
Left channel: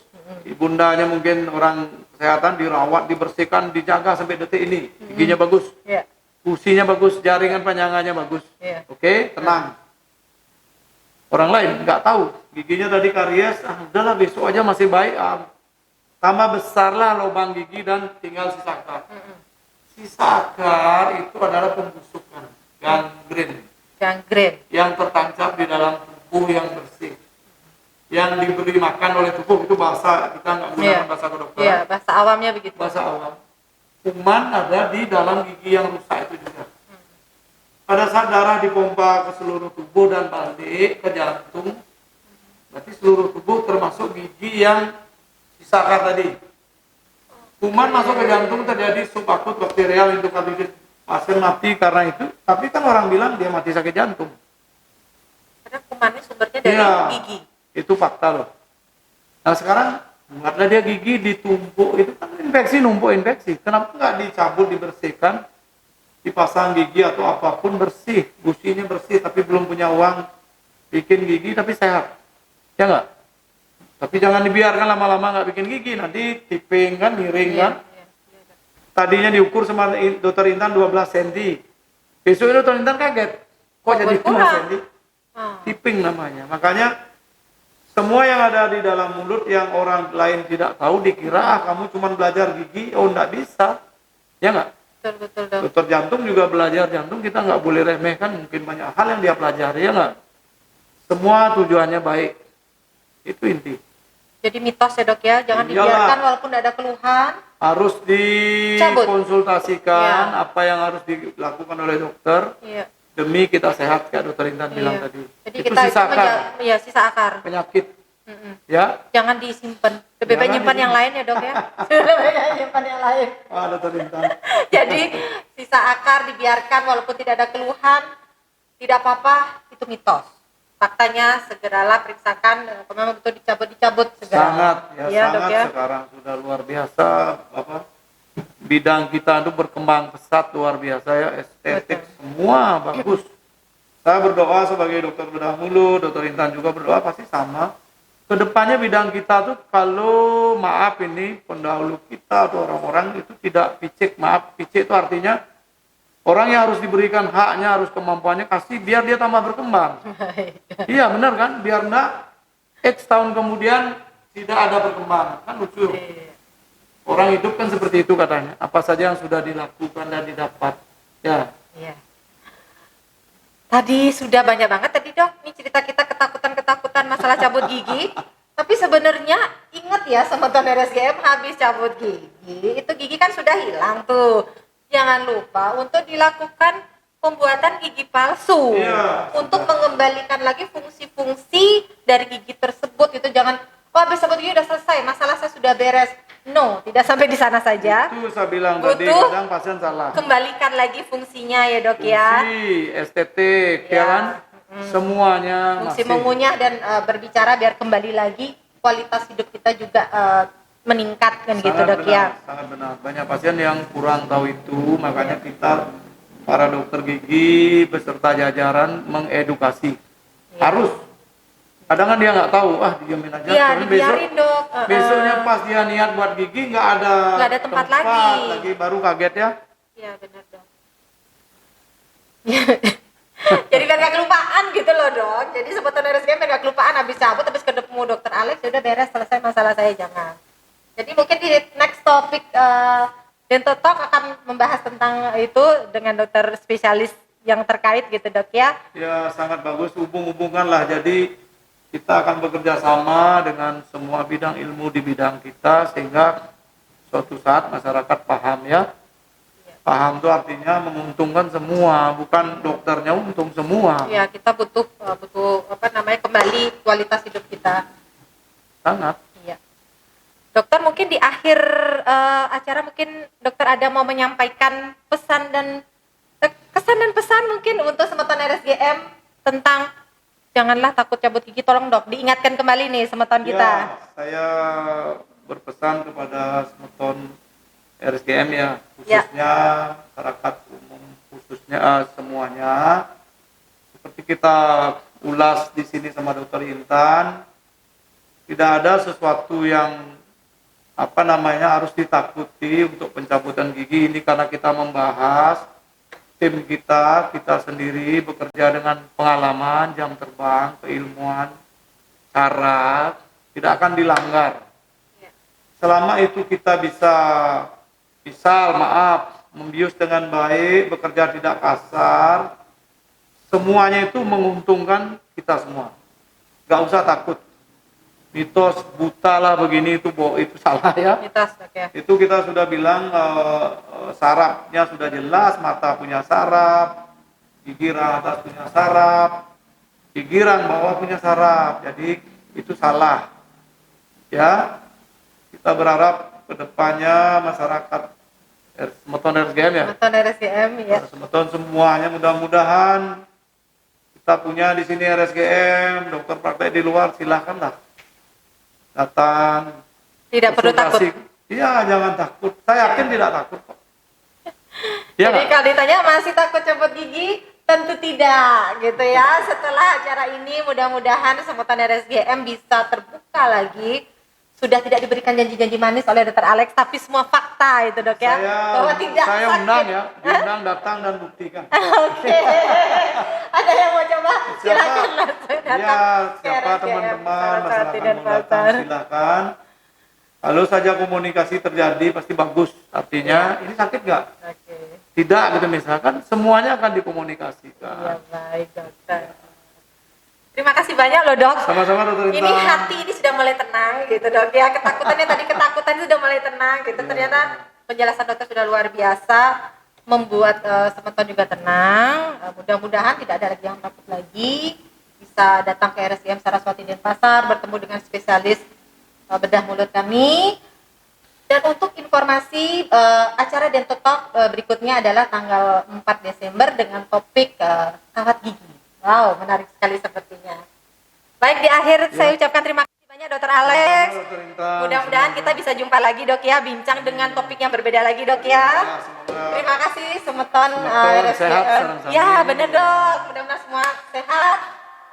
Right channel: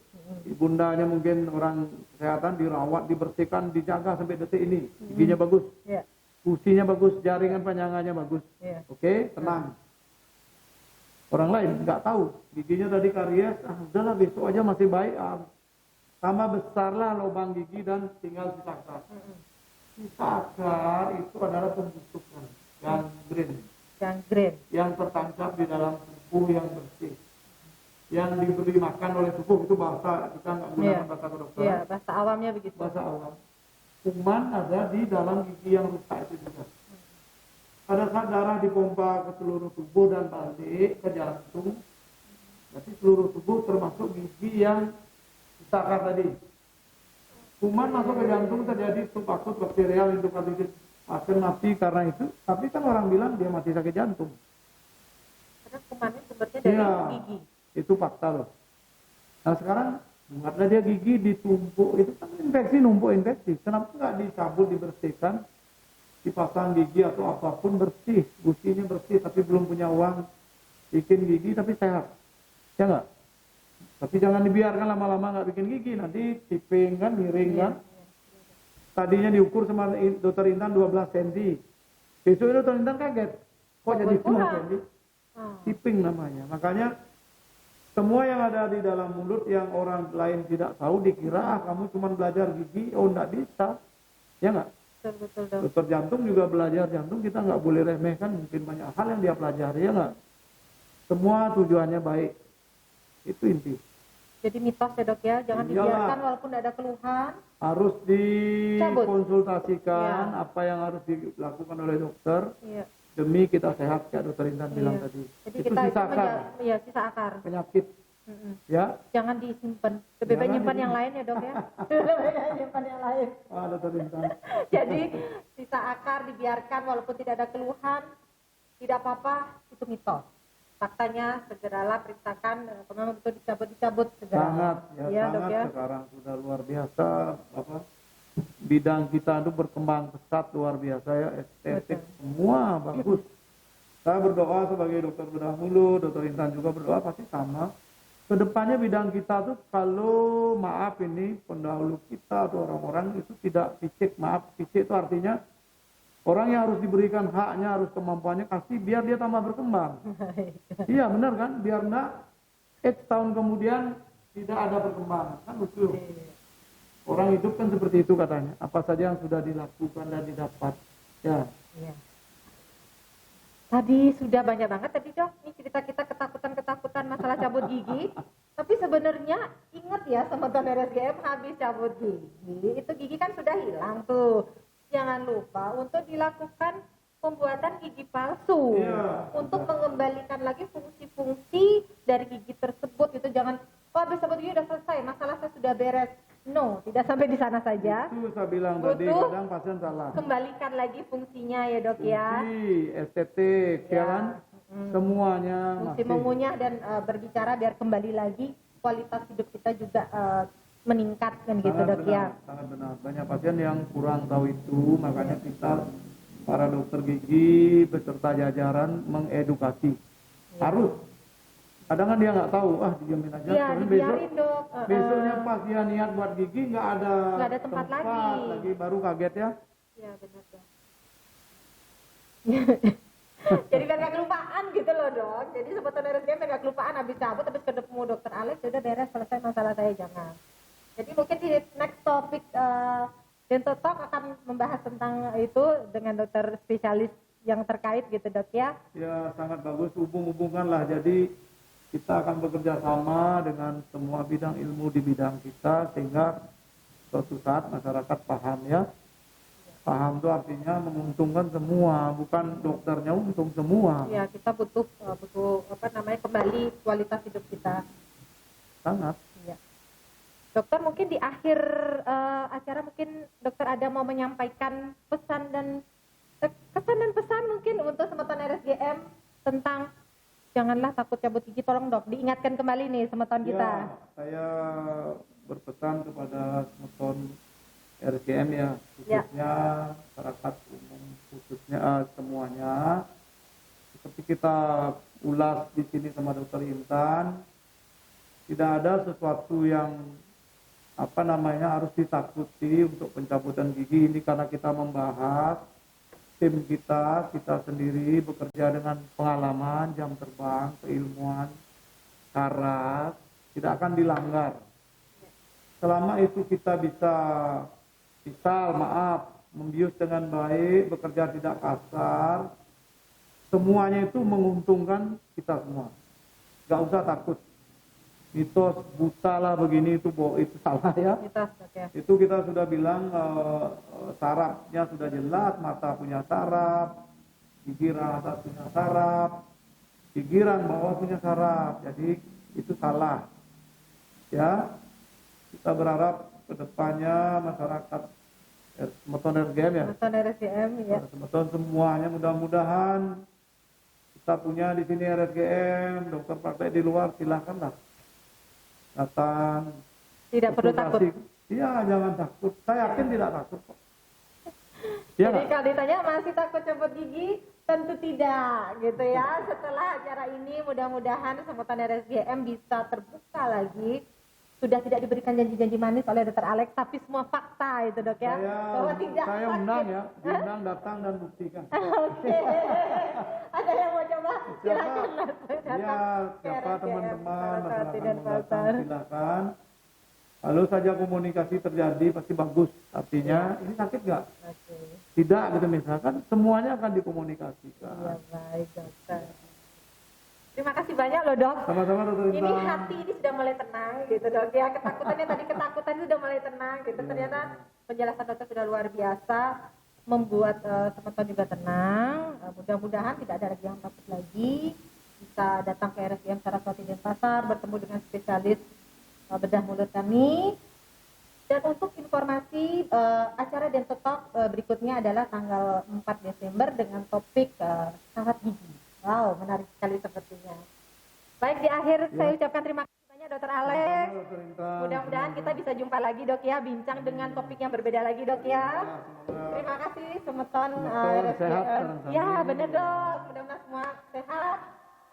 ibundanya mungkin orang kesehatan dirawat, dibersihkan, dijaga sampai detik ini. Giginya bagus, Iya. fusinya bagus, jaringan panjangannya bagus. Iya. Oke, tenang. Orang lain nggak tahu, giginya tadi karies, udahlah besok aja masih baik. Tambah besarlah lubang gigi dan tinggal sisa akar. Sisa akar itu adalah pembusukan, gangren, Gangren. yang tertancap di dalam tubuh yang bersih. Yang diberi makan oleh tubuh itu bahasa, kita nggak gunakan Iya. bahasa kedokteran. Iya, bahasa awamnya begitu. Bahasa awam. Kuman ada di dalam gigi yang rusak itu juga. Pada saat darah dipompa ke seluruh tubuh dan balik ke jantung, berarti seluruh tubuh termasuk gigi yang sisa akar tadi. Kuman masuk ke jantung terjadi subakut bakterial endokarditis. Pasien mati karena itu, tapi kan orang bilang dia mati sakit jantung. Karena kumannya sumbernya dari Iya. gigi. Itu fakta loh. Nah sekarang buatlah dia gigi ditumpuk, itu kan infeksi, numpuk infeksi. Kenapa nggak dicabut, dibersihkan, dipasang gigi atau apapun bersih, gusinya bersih, tapi belum punya uang bikin gigi tapi sehat, ya nggak? Tapi jangan dibiarkan lama-lama nggak bikin gigi, nanti tiping kan, miring kan. Iya. Tadinya diukur sama dokter Intan 12 cm. Besok dokter Intan kaget, kok jadi 5 berkurang? cm? Oh. Tiping namanya. Makanya semua yang ada di dalam mulut yang orang lain tidak tahu dikira kamu cuma belajar gigi, oh enggak bisa. Ya enggak? Betul dok. Dokter jantung juga belajar jantung, kita nggak boleh remehkan, mungkin banyak hal yang dia pelajari, ya enggak? Semua tujuannya baik. Itu inti. Jadi mitos ya dok ya, jangan Iyalah. dibiarkan walaupun nggak ada keluhan. Harus dikonsultasikan Iya. apa yang harus dilakukan oleh dokter Iya. demi kita sehat, kayak dokter Intan bilang Iya. tadi. Jadi Itu kita sisa akar, iya sisa akar. penyakit, Mm-mm. ya. Jangan disimpan. Lebih baik Jangan nyimpan yang lain ya dok ya. Lebih baik nyimpan yang lain. Wah, dokter Intan. Jadi sisa akar dibiarkan walaupun tidak ada keluhan, tidak apa-apa, itu mitos. Faktanya segeralah periksakan, kalau memang betul dicabut segera. Sangat, ya, Iya, sangat dok ya. sekarang sudah luar biasa, apa bidang kita itu berkembang pesat luar biasa ya, estetik Betul. semua bagus. Saya berdoa sebagai dokter bedah mulut, dokter Intan juga berdoa pasti sama. Kedepannya bidang kita tuh kalau maaf ini pendahulu kita atau orang-orang itu tidak picik, maaf picik itu artinya orang yang harus diberikan haknya, harus kemampuannya kasih biar dia tambah berkembang. Iya benar kan, biar enggak X tahun kemudian tidak ada perkembangan, kan lucu. Orang hidup kan seperti itu katanya, apa saja yang sudah dilakukan dan didapat. Ya, Iya. Tadi sudah banyak banget tadi dok, ini cerita kita ketakutan masalah cabut gigi. Tapi sebenarnya ingat ya sama Ton RSGM habis cabut gigi, itu gigi kan sudah hilang tuh. Jangan lupa untuk dilakukan pembuatan gigi palsu. Iya. Untuk mengembalikan lagi fungsi-fungsi dari gigi tersebut. Itu jangan, oh habis cabut gigi udah selesai, masalah saya sudah beres. No, tidak sampai di sana saja. itu saya bilang tadi, Butuh kadang pasien salah. Kembalikan lagi fungsinya ya dok ya. Fungsi, estetik, ya Ya. kan? Semuanya Fungsi masih. mengunyah dan berbicara biar kembali lagi kualitas hidup kita juga meningkat kan gitu dok ya. Sangat benar. Banyak pasien yang kurang tahu itu, makanya kita para dokter gigi beserta jajaran mengedukasi. Iya. Harus. Kadang kan dia nggak tahu, diamin aja. Iya, Soalnya dibiarin dok. besoknya pas dia niat buat gigi nggak ada tempat lagi. baru kaget ya. Iya benar dok. Jadi biar gak kelupaan gitu loh dok. Jadi sebutan RSGM biar gak kelupaan, habis cabut, habis ketemu dokter Alex, ya udah beres, selesai masalah saya, jangan. Jadi mungkin di next topic Dental Talk akan membahas tentang itu dengan dokter spesialis yang terkait gitu dok ya. Ya sangat bagus, hubung-hubungkan lah. Jadi kita akan bekerja sama dengan semua bidang ilmu di bidang kita sehingga suatu saat masyarakat paham ya. Paham itu artinya menguntungkan semua, bukan dokternya untung semua. Ya kita butuh kembali kualitas hidup kita. Sangat. Iya. Dokter mungkin di akhir acara mungkin dokter ada mau menyampaikan pesan dan kesan dan pesan mungkin untuk semeton RSGM tentang janganlah takut cabut gigi, tolong dok diingatkan kembali nih semeton kita. Ya, saya berpesan kepada semeton RSGM ya, khususnya masyarakat umum, khususnya semuanya seperti kita ulas di sini sama Dokter Intan, tidak ada sesuatu yang harus ditakuti untuk pencabutan gigi ini, karena kita membahas tim kita sendiri bekerja dengan pengalaman, jam terbang, keilmuan, syarat, tidak akan dilanggar. Selama itu kita bisa, membius dengan baik, bekerja tidak kasar, semuanya itu menguntungkan kita semua. Gak usah takut. Mitos buta lah begini itu salah ya. Mitos, oke. Itu kita sudah bilang sarafnya sudah jelas, mata punya saraf, gigiran atas punya saraf, gigiran bawah punya saraf. Jadi itu salah. Ya, kita berharap kedepannya masyarakat Semeton RSGM ya. Semeton RSGM ya. Semeton semuanya mudah-mudahan kita punya di sini RSGM, dokter praktek di luar silakanlah datang. Tidak perlu takut. Iya, jangan takut. Saya yakin tidak takut kok. Ya, jadi kalau ditanya masih takut copot gigi, tentu tidak gitu ya. Setelah acara ini mudah-mudahan Semeton RSGM bisa terbuka lagi. Sudah tidak diberikan janji-janji manis oleh Dr. Alex, tapi semua fakta itu dok ya. Bahwa tidak saya sakit. undang ya, diundang datang dan buktikan. Oke. Ada yang mau coba? Silakan langsung datang. Ya, siapa teman-teman masyarakat mau datang silakan. Kalau saja komunikasi terjadi pasti bagus. Artinya ini sakit nggak? Oke. Tidak gitu misalkan, semuanya akan dikomunikasikan. Ya baik dokter. Terima kasih banyak loh dok. Sama-sama dokter Intan. Ini hati ini sudah mulai tenang gitu dok ya. Ketakutan sudah mulai tenang gitu. Ternyata penjelasan dokter sudah luar biasa, membuat Semeton juga tenang. Mudah-mudahan tidak ada lagi yang takut lagi. Bisa datang ke RSGM Saraswati Denpasar, bertemu dengan spesialis bedah mulut kami. Dan untuk informasi acara Dental Talk berikutnya adalah tanggal 4 Desember dengan topik kawat gigi. Wow, menarik sekali sepertinya. Baik, di akhir saya ucapkan terima kasih banyak Dr. Alex. Mudah-mudahan kita bisa jumpa lagi dok ya, bincang dengan topik yang berbeda lagi dok ya. Terima kasih Semeton sehat. Ya benar dok, mudah-mudahan semua sehat.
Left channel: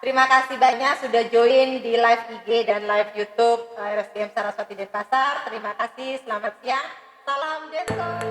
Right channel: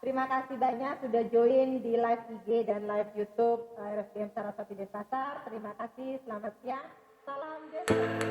Terima kasih banyak sudah join di live IG dan live YouTube RSGM Saraswati Denpasar. Terima kasih, selamat siang. Salam Dental.